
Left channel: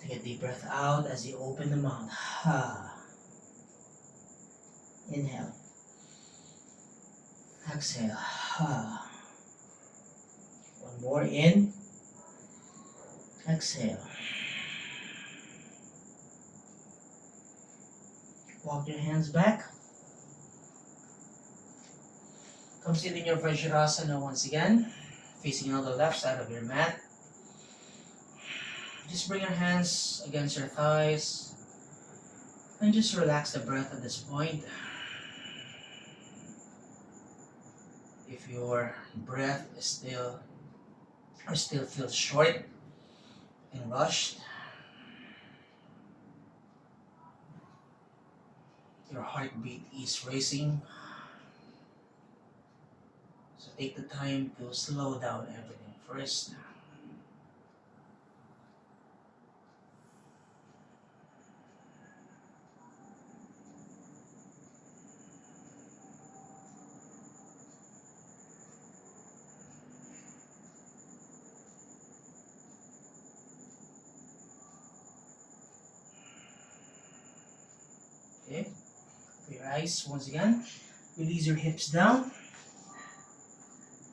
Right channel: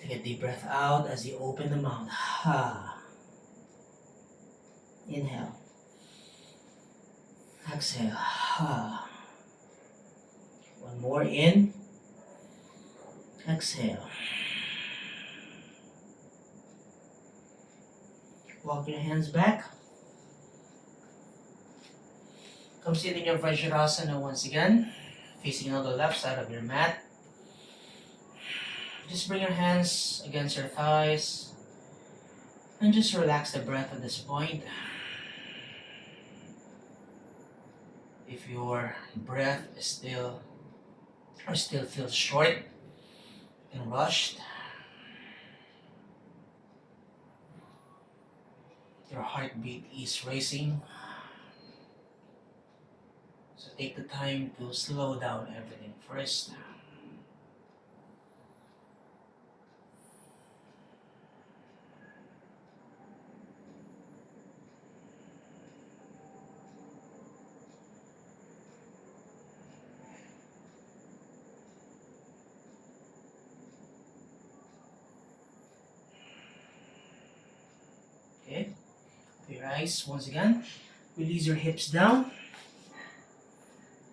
Take a deep breath out as you open the mouth. Inhale. Exhale. One more in. Exhale. Walk your hands back. Come sit in your Vajrasana once again, facing on the left side of your mat. Just bring your hands against your thighs and just relax the breath at this point. If your breath is still feels short and rushed, your heartbeat is racing, so take the time to slow down everything first. Okay, your eyes once again. Release your hips down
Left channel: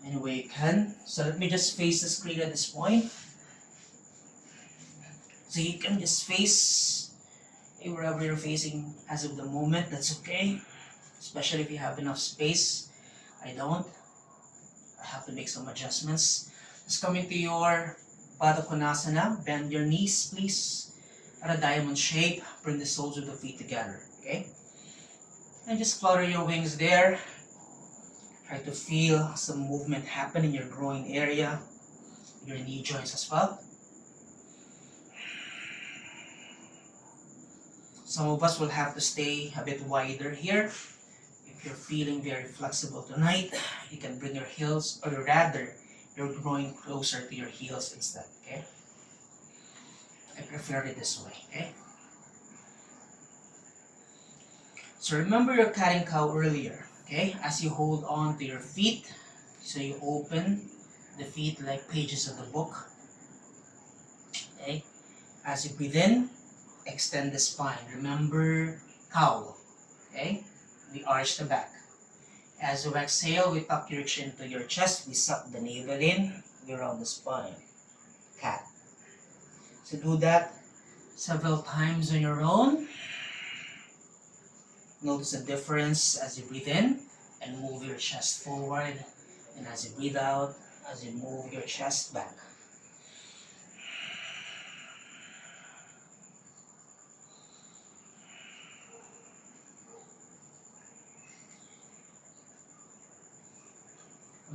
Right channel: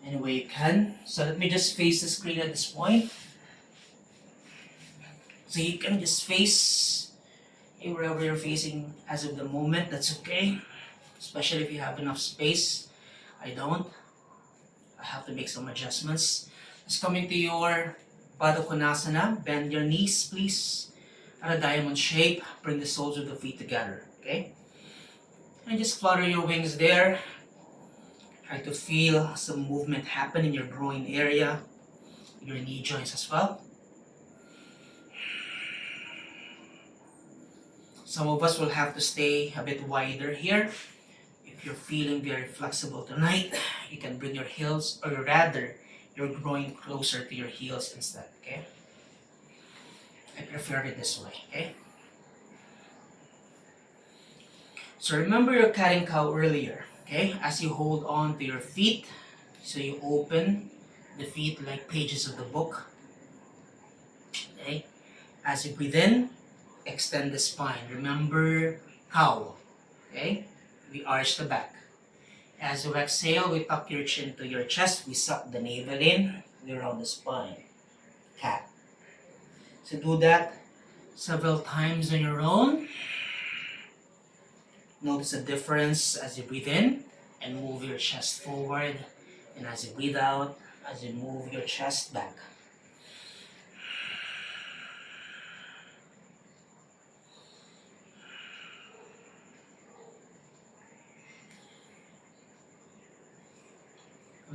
any way you can. So let me just face the screen at this point. So you can just face wherever you're facing as of the moment. That's okay, especially if you have enough space. I don't. I have to make some adjustments. Just come into your Baddha Konasana. Bend your knees, please, at a diamond shape. Bring the soles of the feet together. Okay? And just flutter your wings there. Try to feel some movement happen in your groin area, your knee joints as well. Some of us will have to stay a bit wider here. If you're feeling very flexible tonight, you can bring your heels, or rather, your groin closer to your heels instead, okay? I prefer it this way, okay? So remember your cat and cow earlier, okay? As you hold on to your feet, so you open the feet like pages of the book, okay? As you breathe in, extend the spine. Remember cow, okay? We arch the back. As you exhale, we tuck your chin to your chest. We suck the navel in. We round the spine. Cat. So do that several times on your own. Notice the difference as you breathe in and move your chest forward. And as you breathe out, as you move your chest back.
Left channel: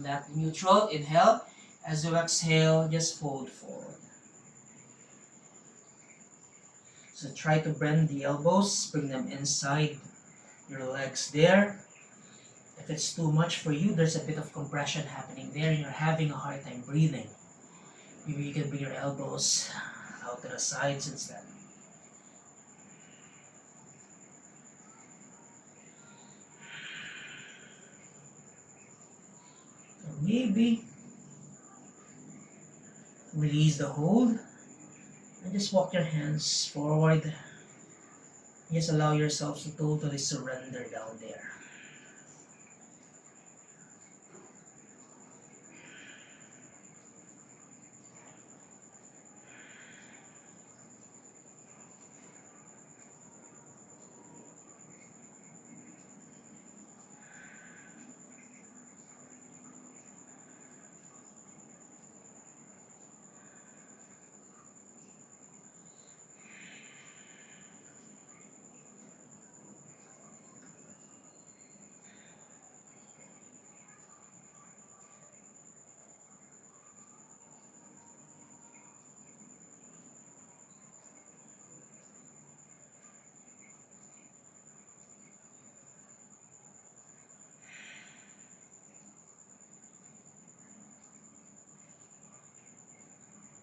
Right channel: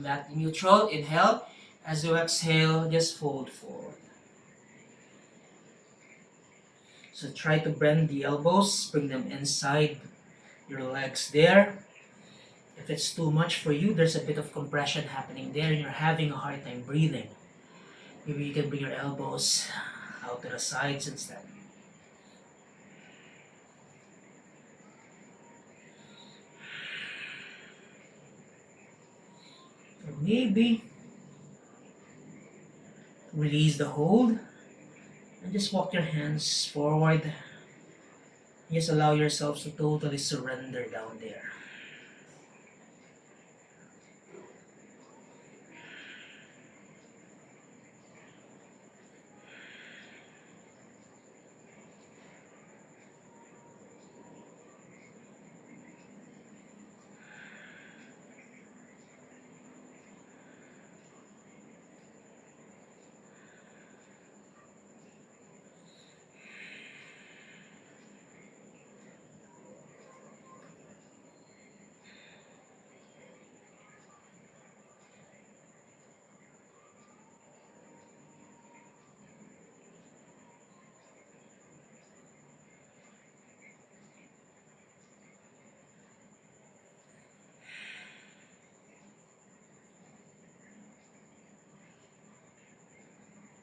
Back to neutral. Inhale. As you exhale, just fold forward. So try to bend the elbows, bring them inside your legs there. If it's too much for you, there's a bit of compression happening there and you're having a hard time breathing. Maybe you can bring your elbows out to the sides instead. Or maybe release the hold and just walk your hands forward. Just allow yourselves to totally surrender down there.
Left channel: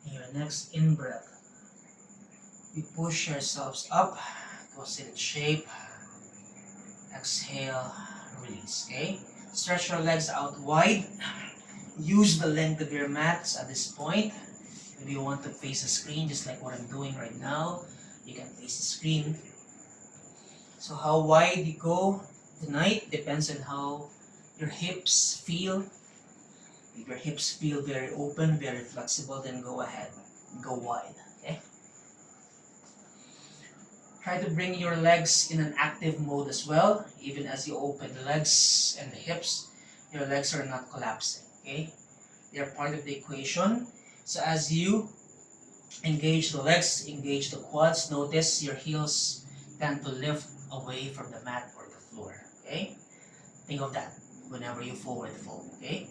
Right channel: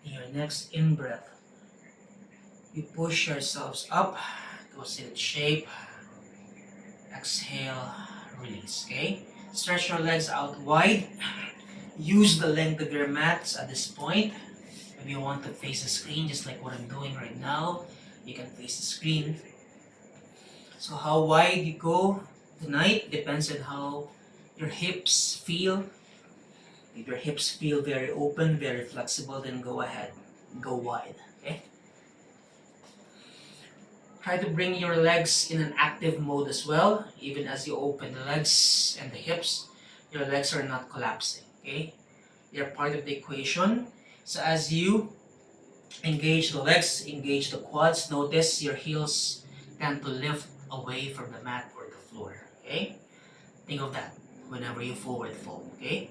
Your next in-breath, you push yourselves up to a seated shape. Exhale, release, okay? Stretch your legs out wide. Use the length of your mats at this point. If you want to face the screen, just like what I'm doing right now, you can face the screen. So how wide you go tonight depends on how your hips feel. If your hips feel very open, very flexible, then go ahead, go wide, okay? Try to bring your legs in an active mode as well. Even as you open the legs and the hips, your legs are not collapsing, okay? They're part of the equation. So as you engage the legs, engage the quads, notice your heels tend to lift away from the mat or the floor, okay? Think of that whenever you forward fold, okay?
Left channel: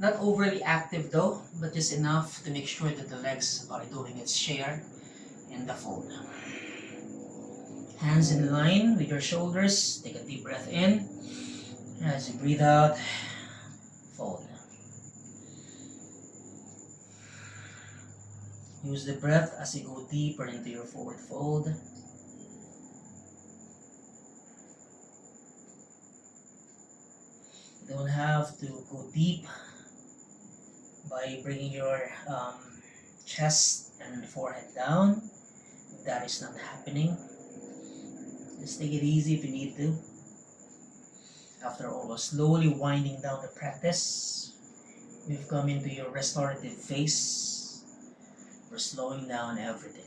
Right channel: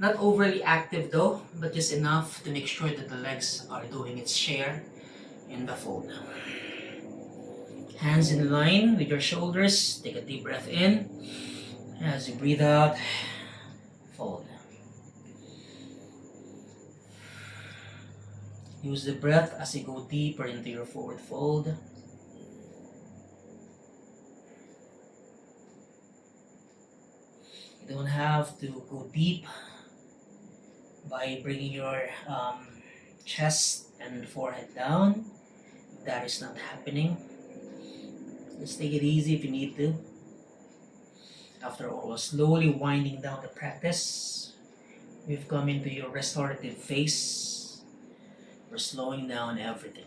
Not overly active though, but just enough to make sure that the legs are doing its share in the fold. Hands in line with your shoulders. Take a deep breath in. As you breathe out, fold. Use the breath as you go deeper into your forward fold. You don't have to go deep by bringing your chest and forehead down. That is not happening. Just take it easy if you need to. After all, slowly winding down the practice, we've come into your restorative phase. We're slowing down everything.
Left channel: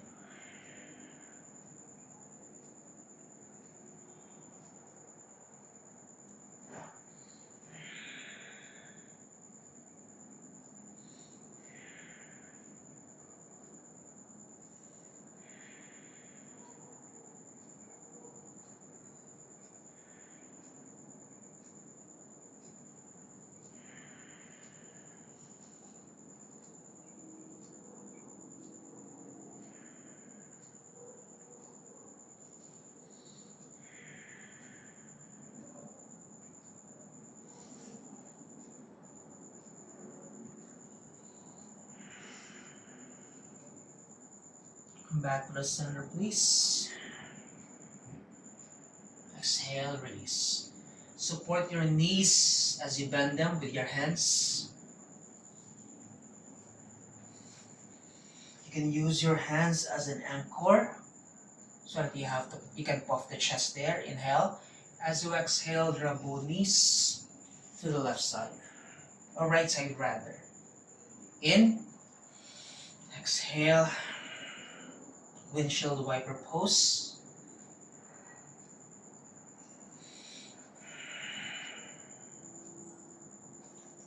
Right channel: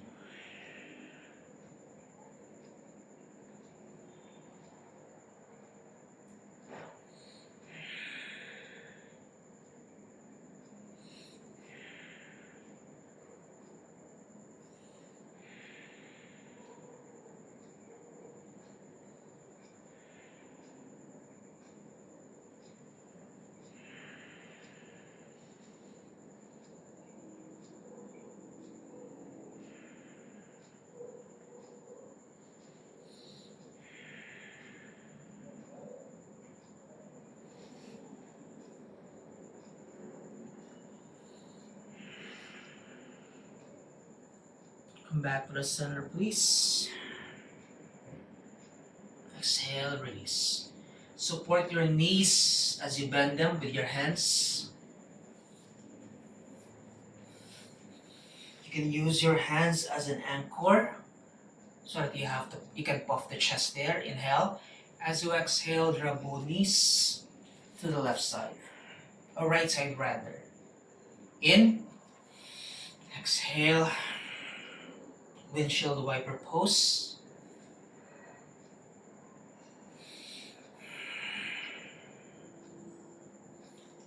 Come back to the center, please. Exhale, release. Support your knees as you bend them with your hands. You can use your hands as an anchor so that you can puff the chest there. Inhale. As you exhale, drop both knees. to the left side, or right side rather. In, exhale, windshield wiper pose.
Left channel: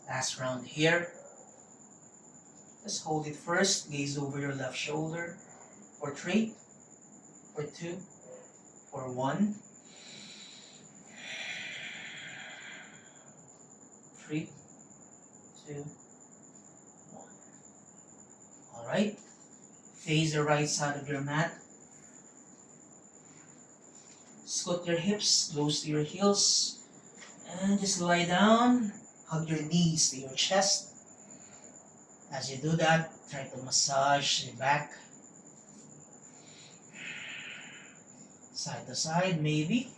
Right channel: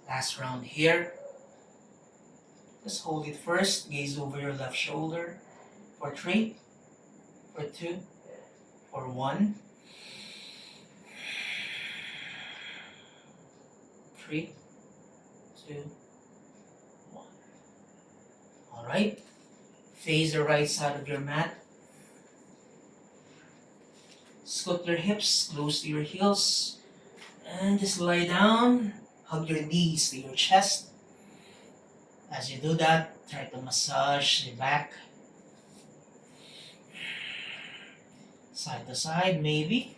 Last round here. Just hold it first, gaze over your left shoulder for 3, for 2, for 1, 3, 2, 1. Alright, face the right side of your mat. Scoot your hips close to your heels and just lie down. Hug your knees to your chest. As you do that, try to massage the back. Side to side, maybe.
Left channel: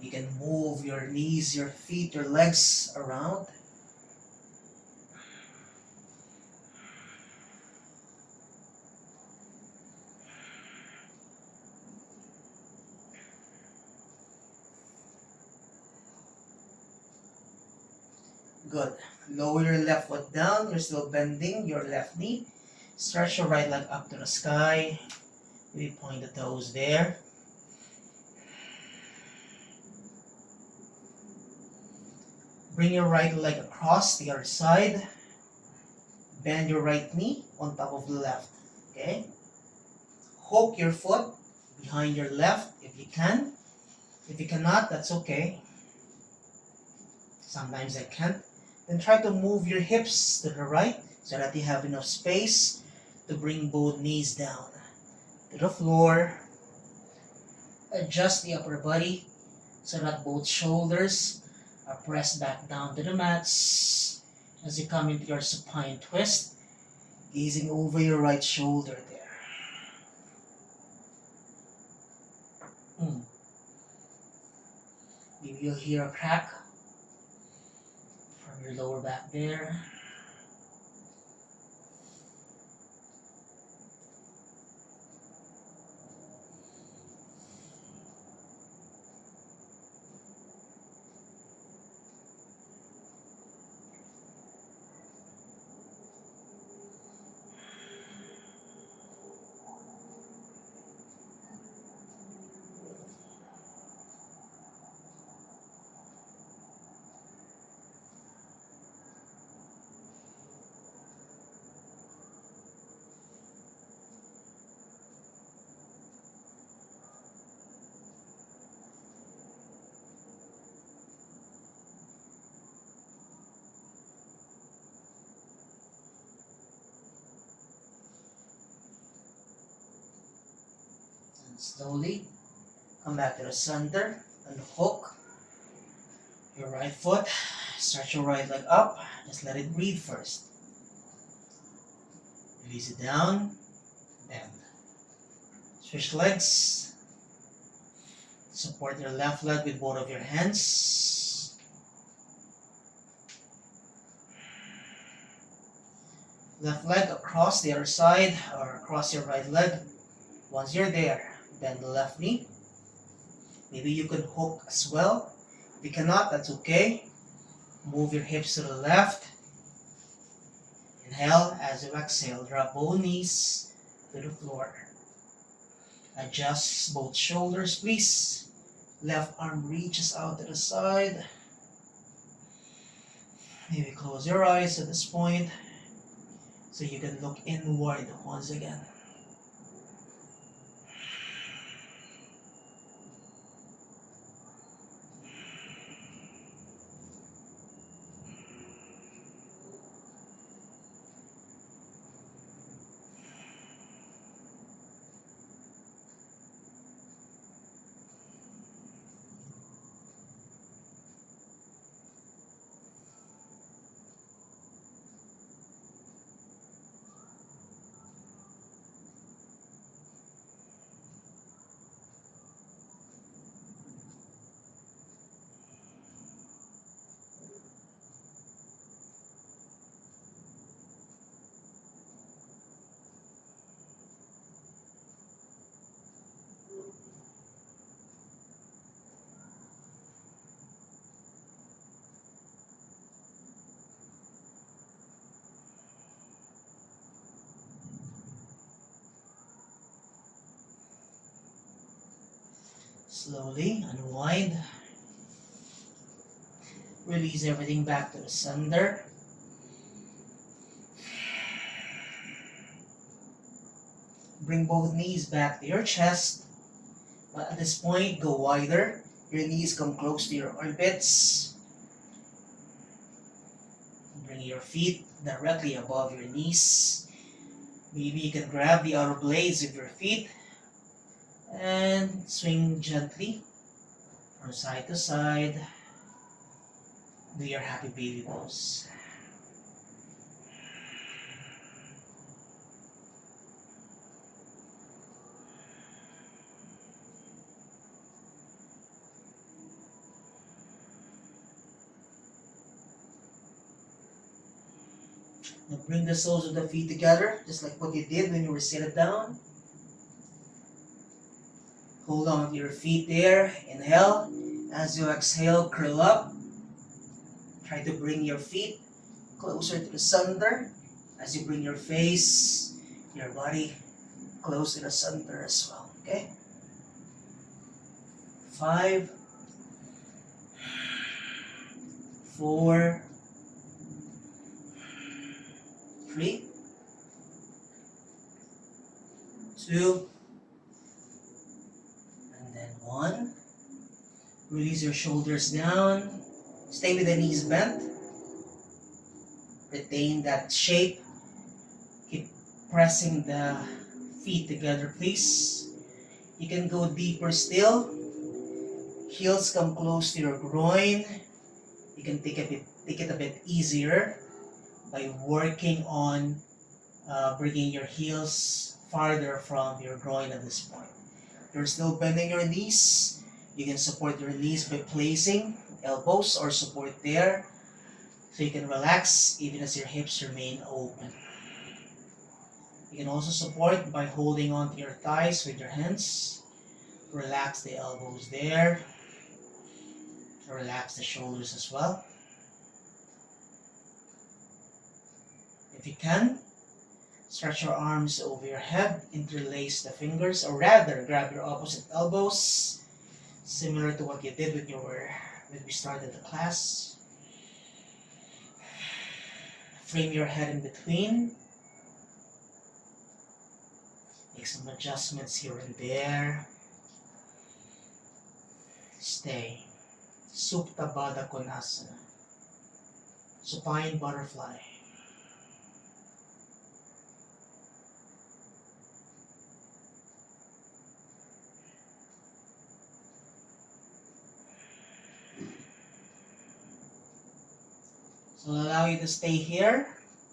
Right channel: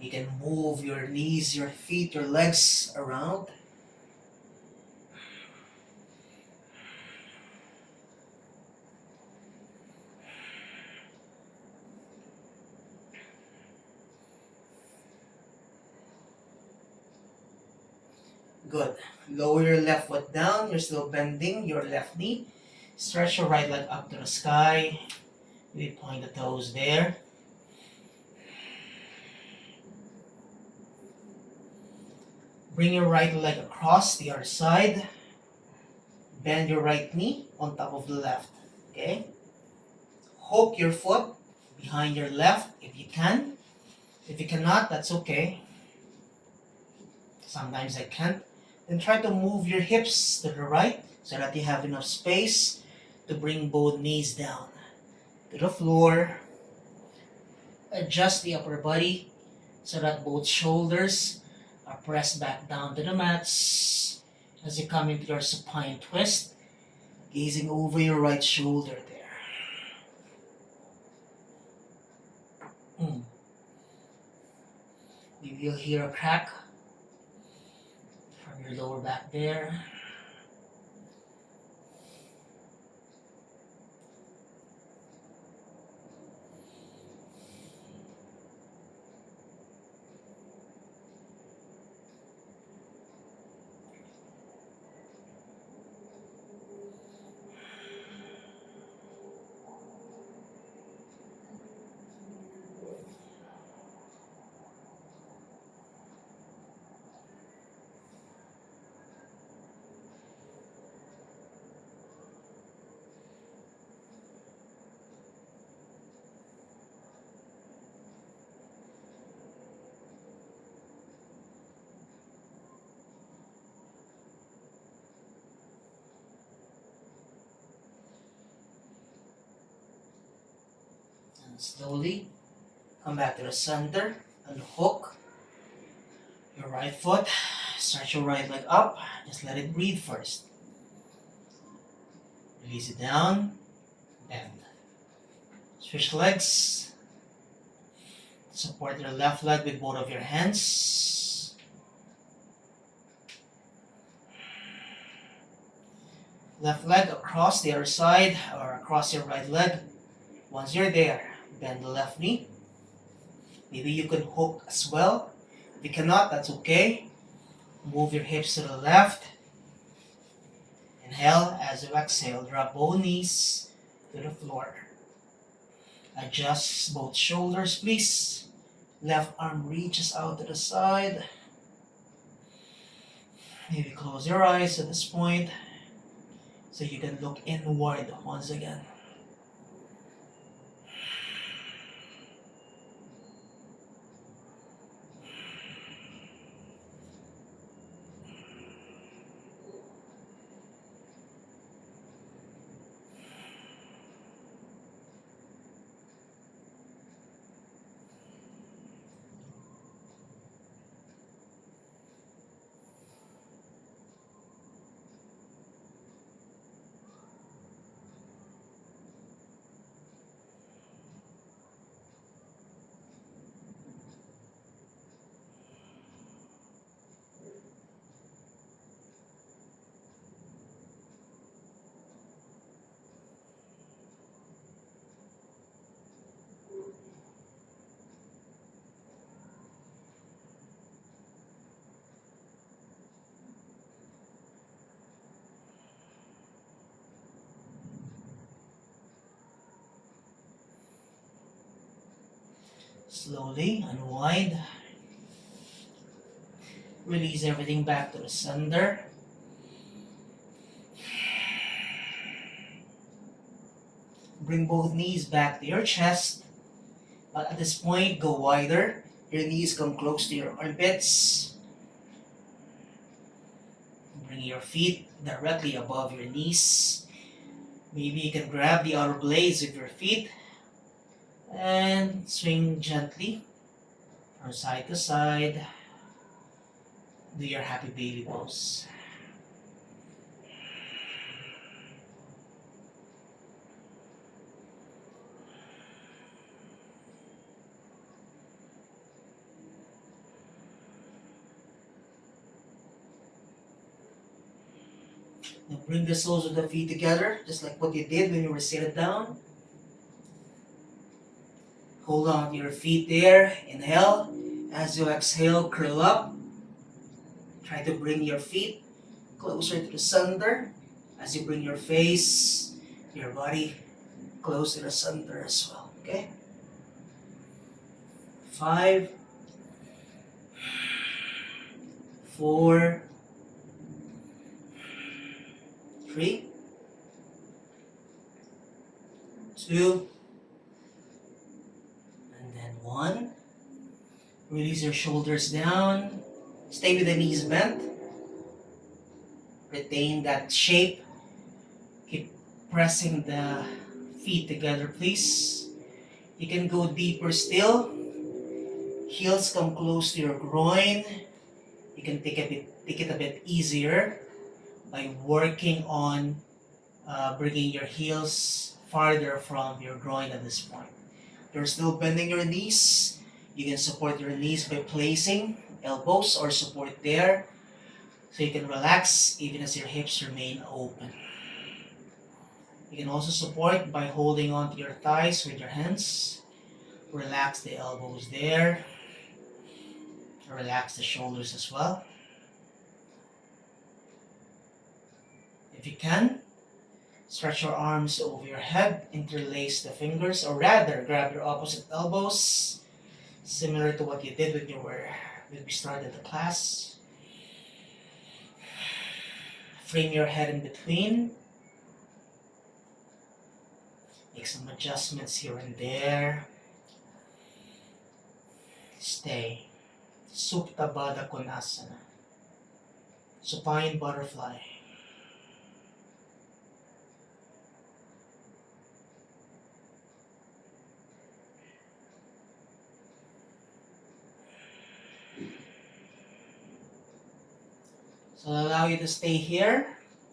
You can move your knees, your feet, your legs around. Good. Lower your left foot down. You're still bending your left knee. Stretch your right leg up to the sky. Maybe point the toes there. Bring your right leg across the other side. Bend your right knee on top of the left. Okay? Hook your foot behind your left if you can. If you cannot, that's okay. Sometimes I can't. Then try to move your hips to the right so that you have enough space to bring both knees down to the floor. Adjust the upper body so that both shoulders are pressed back down to the mats as you come into your supine twist, gazing over your right shoulder there. Maybe you'll hear a crack from your lower back there. And slowly come back to the center and hook your right foot. Stretch your right leg up. Just let it breathe first. Release it down. Bend. Switch legs. Support your left leg with both of your hands. Left leg across the other side or across your right leg. Once you're there, bend the left knee. Maybe you can hook as well. If you cannot, that's okay. Move your hips to the left. Inhale. As you exhale, drop both knees to the floor. Adjust both shoulders, please. Left arm reaches out to the side. Maybe close your eyes at this point so you can look inward once again. Slowly unwind. Release everything back to the center. Bring both knees back to your chest. But at this point, go wider. Your knees come close to your armpits. Bring your feet directly above your knees. Maybe you can grab the outer blades of your feet and swing gently from side to side. Do your happy baby pose. Now bring the soles of the feet together, just like what you did when you were seated down. Hold on to your feet there. Inhale. As you exhale, curl up. Try to bring your feet closer to the center. As you bring your face, your body close to the center as well. Okay? 5, 4, 3, 2, and then 1. Release your shoulders down. Stay with the knees bent. Retain that shape. Keep pressing the feet together, please. You can go deeper still. Heels come close to your groin. You can take it a bit easier by working on bringing your heels farther from your groin at this point. You're still bending your knees. You can support your knees by placing elbows or support there, so you can relax even as your hips remain open. You can also support by holding onto your thighs with your hands. Relax the elbows there. Relax the shoulders as well. If you can, stretch your arms over your head, interlace the fingers, or rather grab your opposite elbows, similar to what you did when we started the class. Frame your head in between. Make some adjustments here and there. Stay. Supta Baddha Konasana. Supine butterfly. So I'll allow you to stay here.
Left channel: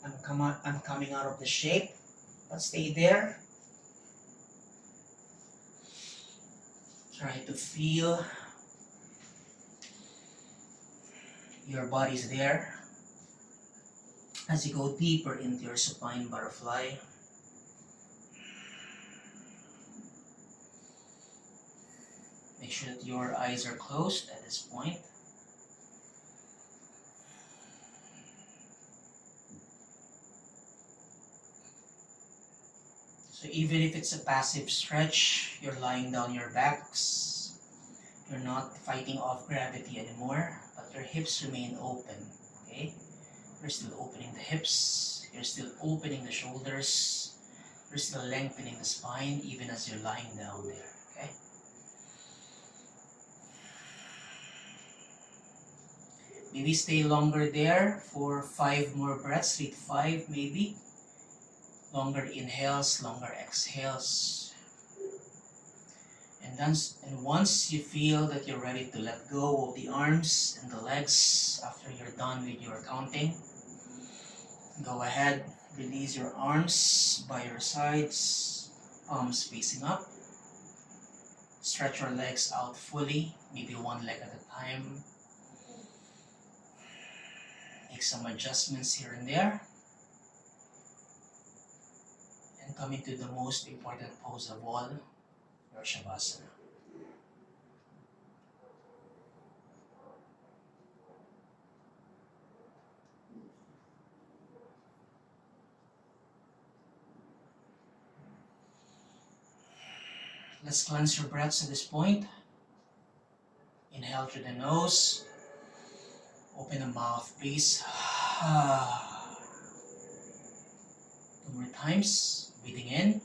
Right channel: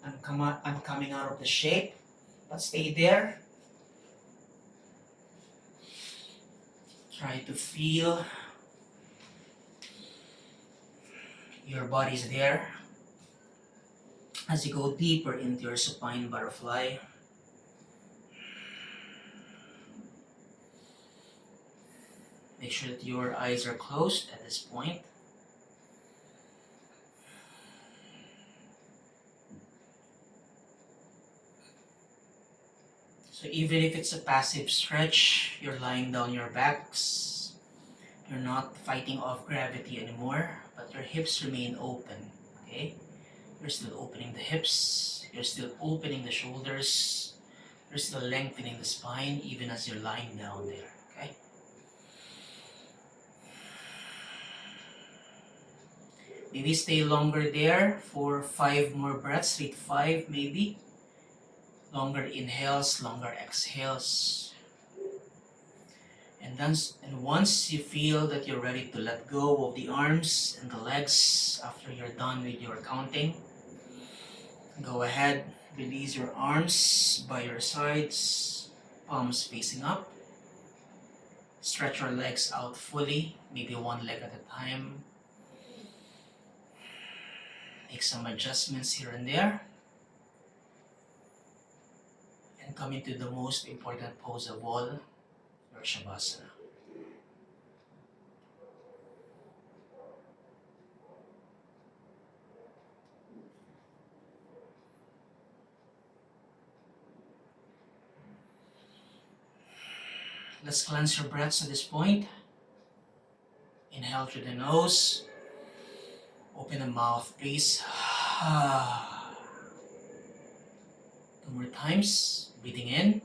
I'm coming out of the shape, but stay there. Try to feel your body's there as you go deeper into your supine butterfly. Make sure that your eyes are closed at this point. So even if it's a passive stretch, you're lying down your backs, you're not fighting off gravity anymore, but your hips remain open, okay? You're still opening the hips, you're still opening the shoulders, you're still lengthening the spine even as you're lying down there, okay? Maybe stay longer there for 5 more breaths, 3 to 5 maybe. Longer inhales, longer exhales. And once you feel that you're ready to let go of the arms and the legs after you're done with your counting, go ahead, release your arms by your sides, palms facing up. Stretch your legs out fully, maybe one leg at a time. Make some adjustments here and there. And come into the most important pose of all, your Shavasana. Let's cleanse your breaths at this point. Inhale through the nose. Open the mouth, please. 2 more times. Breathing in.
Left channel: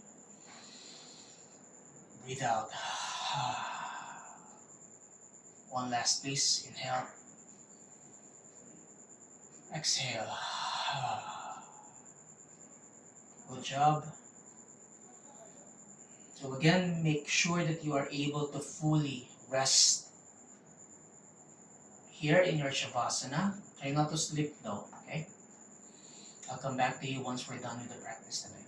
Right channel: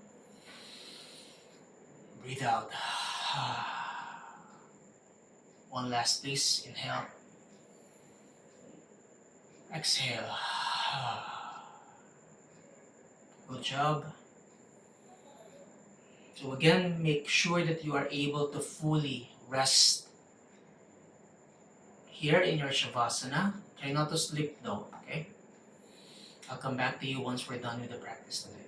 Breathe out. One last, please. Inhale. Exhale. Good job. So again, make sure that you are able to fully rest here in your Shavasana. Try not to sleep though, okay? I'll come back to you once we're done with the practice today.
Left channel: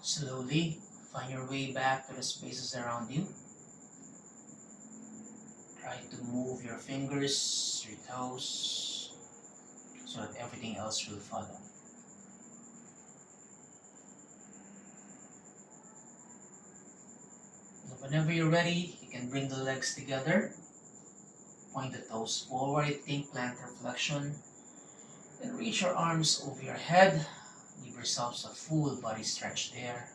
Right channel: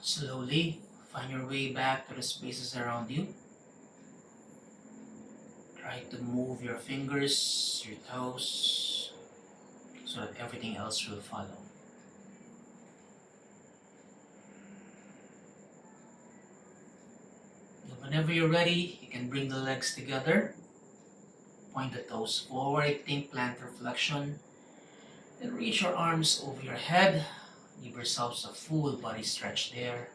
Slowly find your way back to the spaces around you. Try to move your fingers, your toes, so that everything else will follow. Whenever you're ready, you can bring the legs together. Point the toes forward, think plantar flexion. Then reach your arms over your head. Give yourselves a full body stretch there.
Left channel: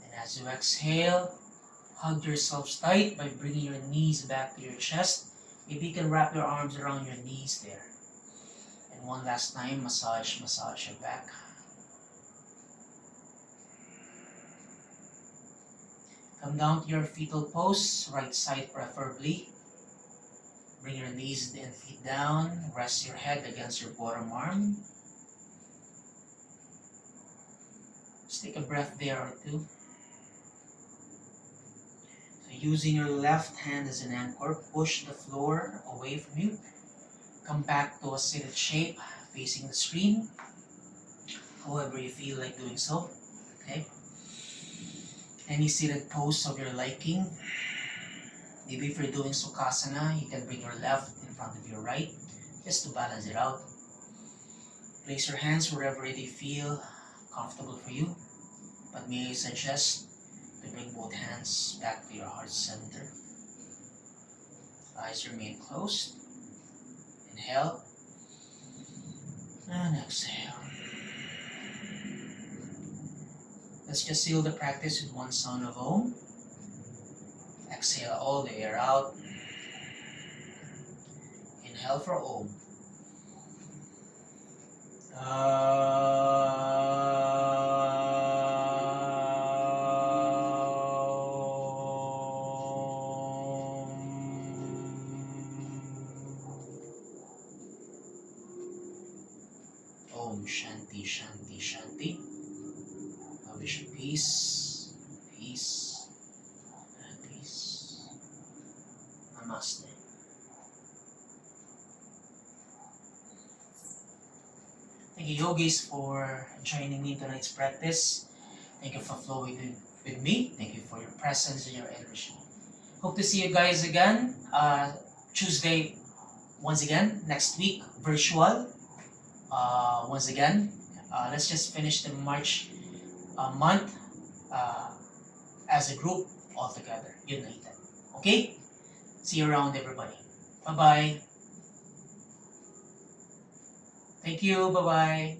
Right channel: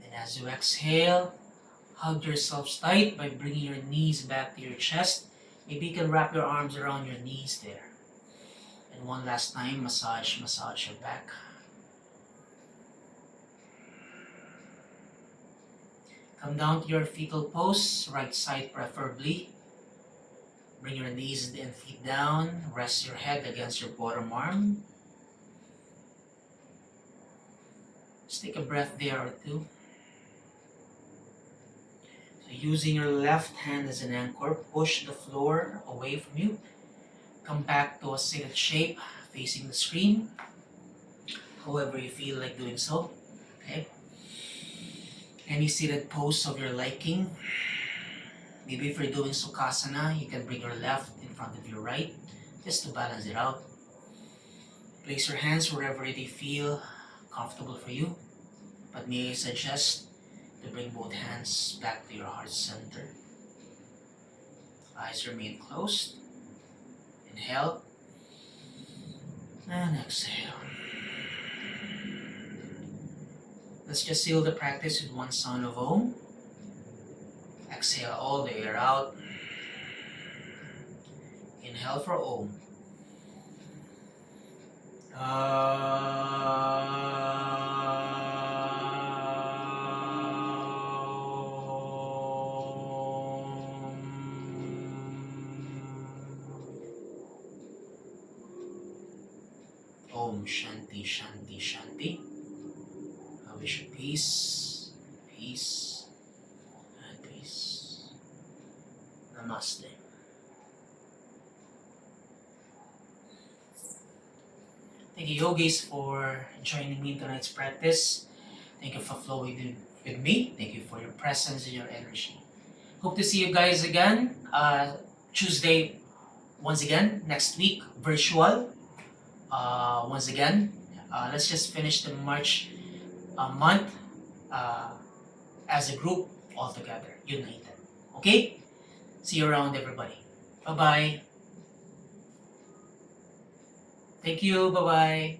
Then as you exhale, hug yourselves tight by bringing your knees back to your chest. Maybe you can wrap your arms around your knees there. And one last time, massage your back. Come down to your fetal pose, right side preferably. Bring your knees and feet down. Rest your head against your bottom arm. Just take a breath there or two. So using your left hand as an anchor, push the floor away from you. Come back to a seated shape facing the screen. However you feel like doing so. Okay. Any seated pose of your liking. Maybe if you're doing Sukhasana, you can bring your left in front of your right, just to balance it out. Place your hands wherever they feel comfortable for you. But may I suggest to bring both hands back to your heart center. Eyes remain closed. Inhale and exhale. Let's just seal the practice with one sound of Om. Exhale all the air out. Inhale for Om. Om Shanti Shanti Shanti. I wish you peace, peace, and peace. Namaste. Thank you, yogis, for joining me in tonight's practice. Thank you for flowing with me. Thank you for your presence and your energy. Hope to see you guys again Tuesday, once again, next week, virtual. Once again, let's just finish the March month as a group all together, united. Okay? See you around, everybody. Bye-bye. Thank you. Bye-bye.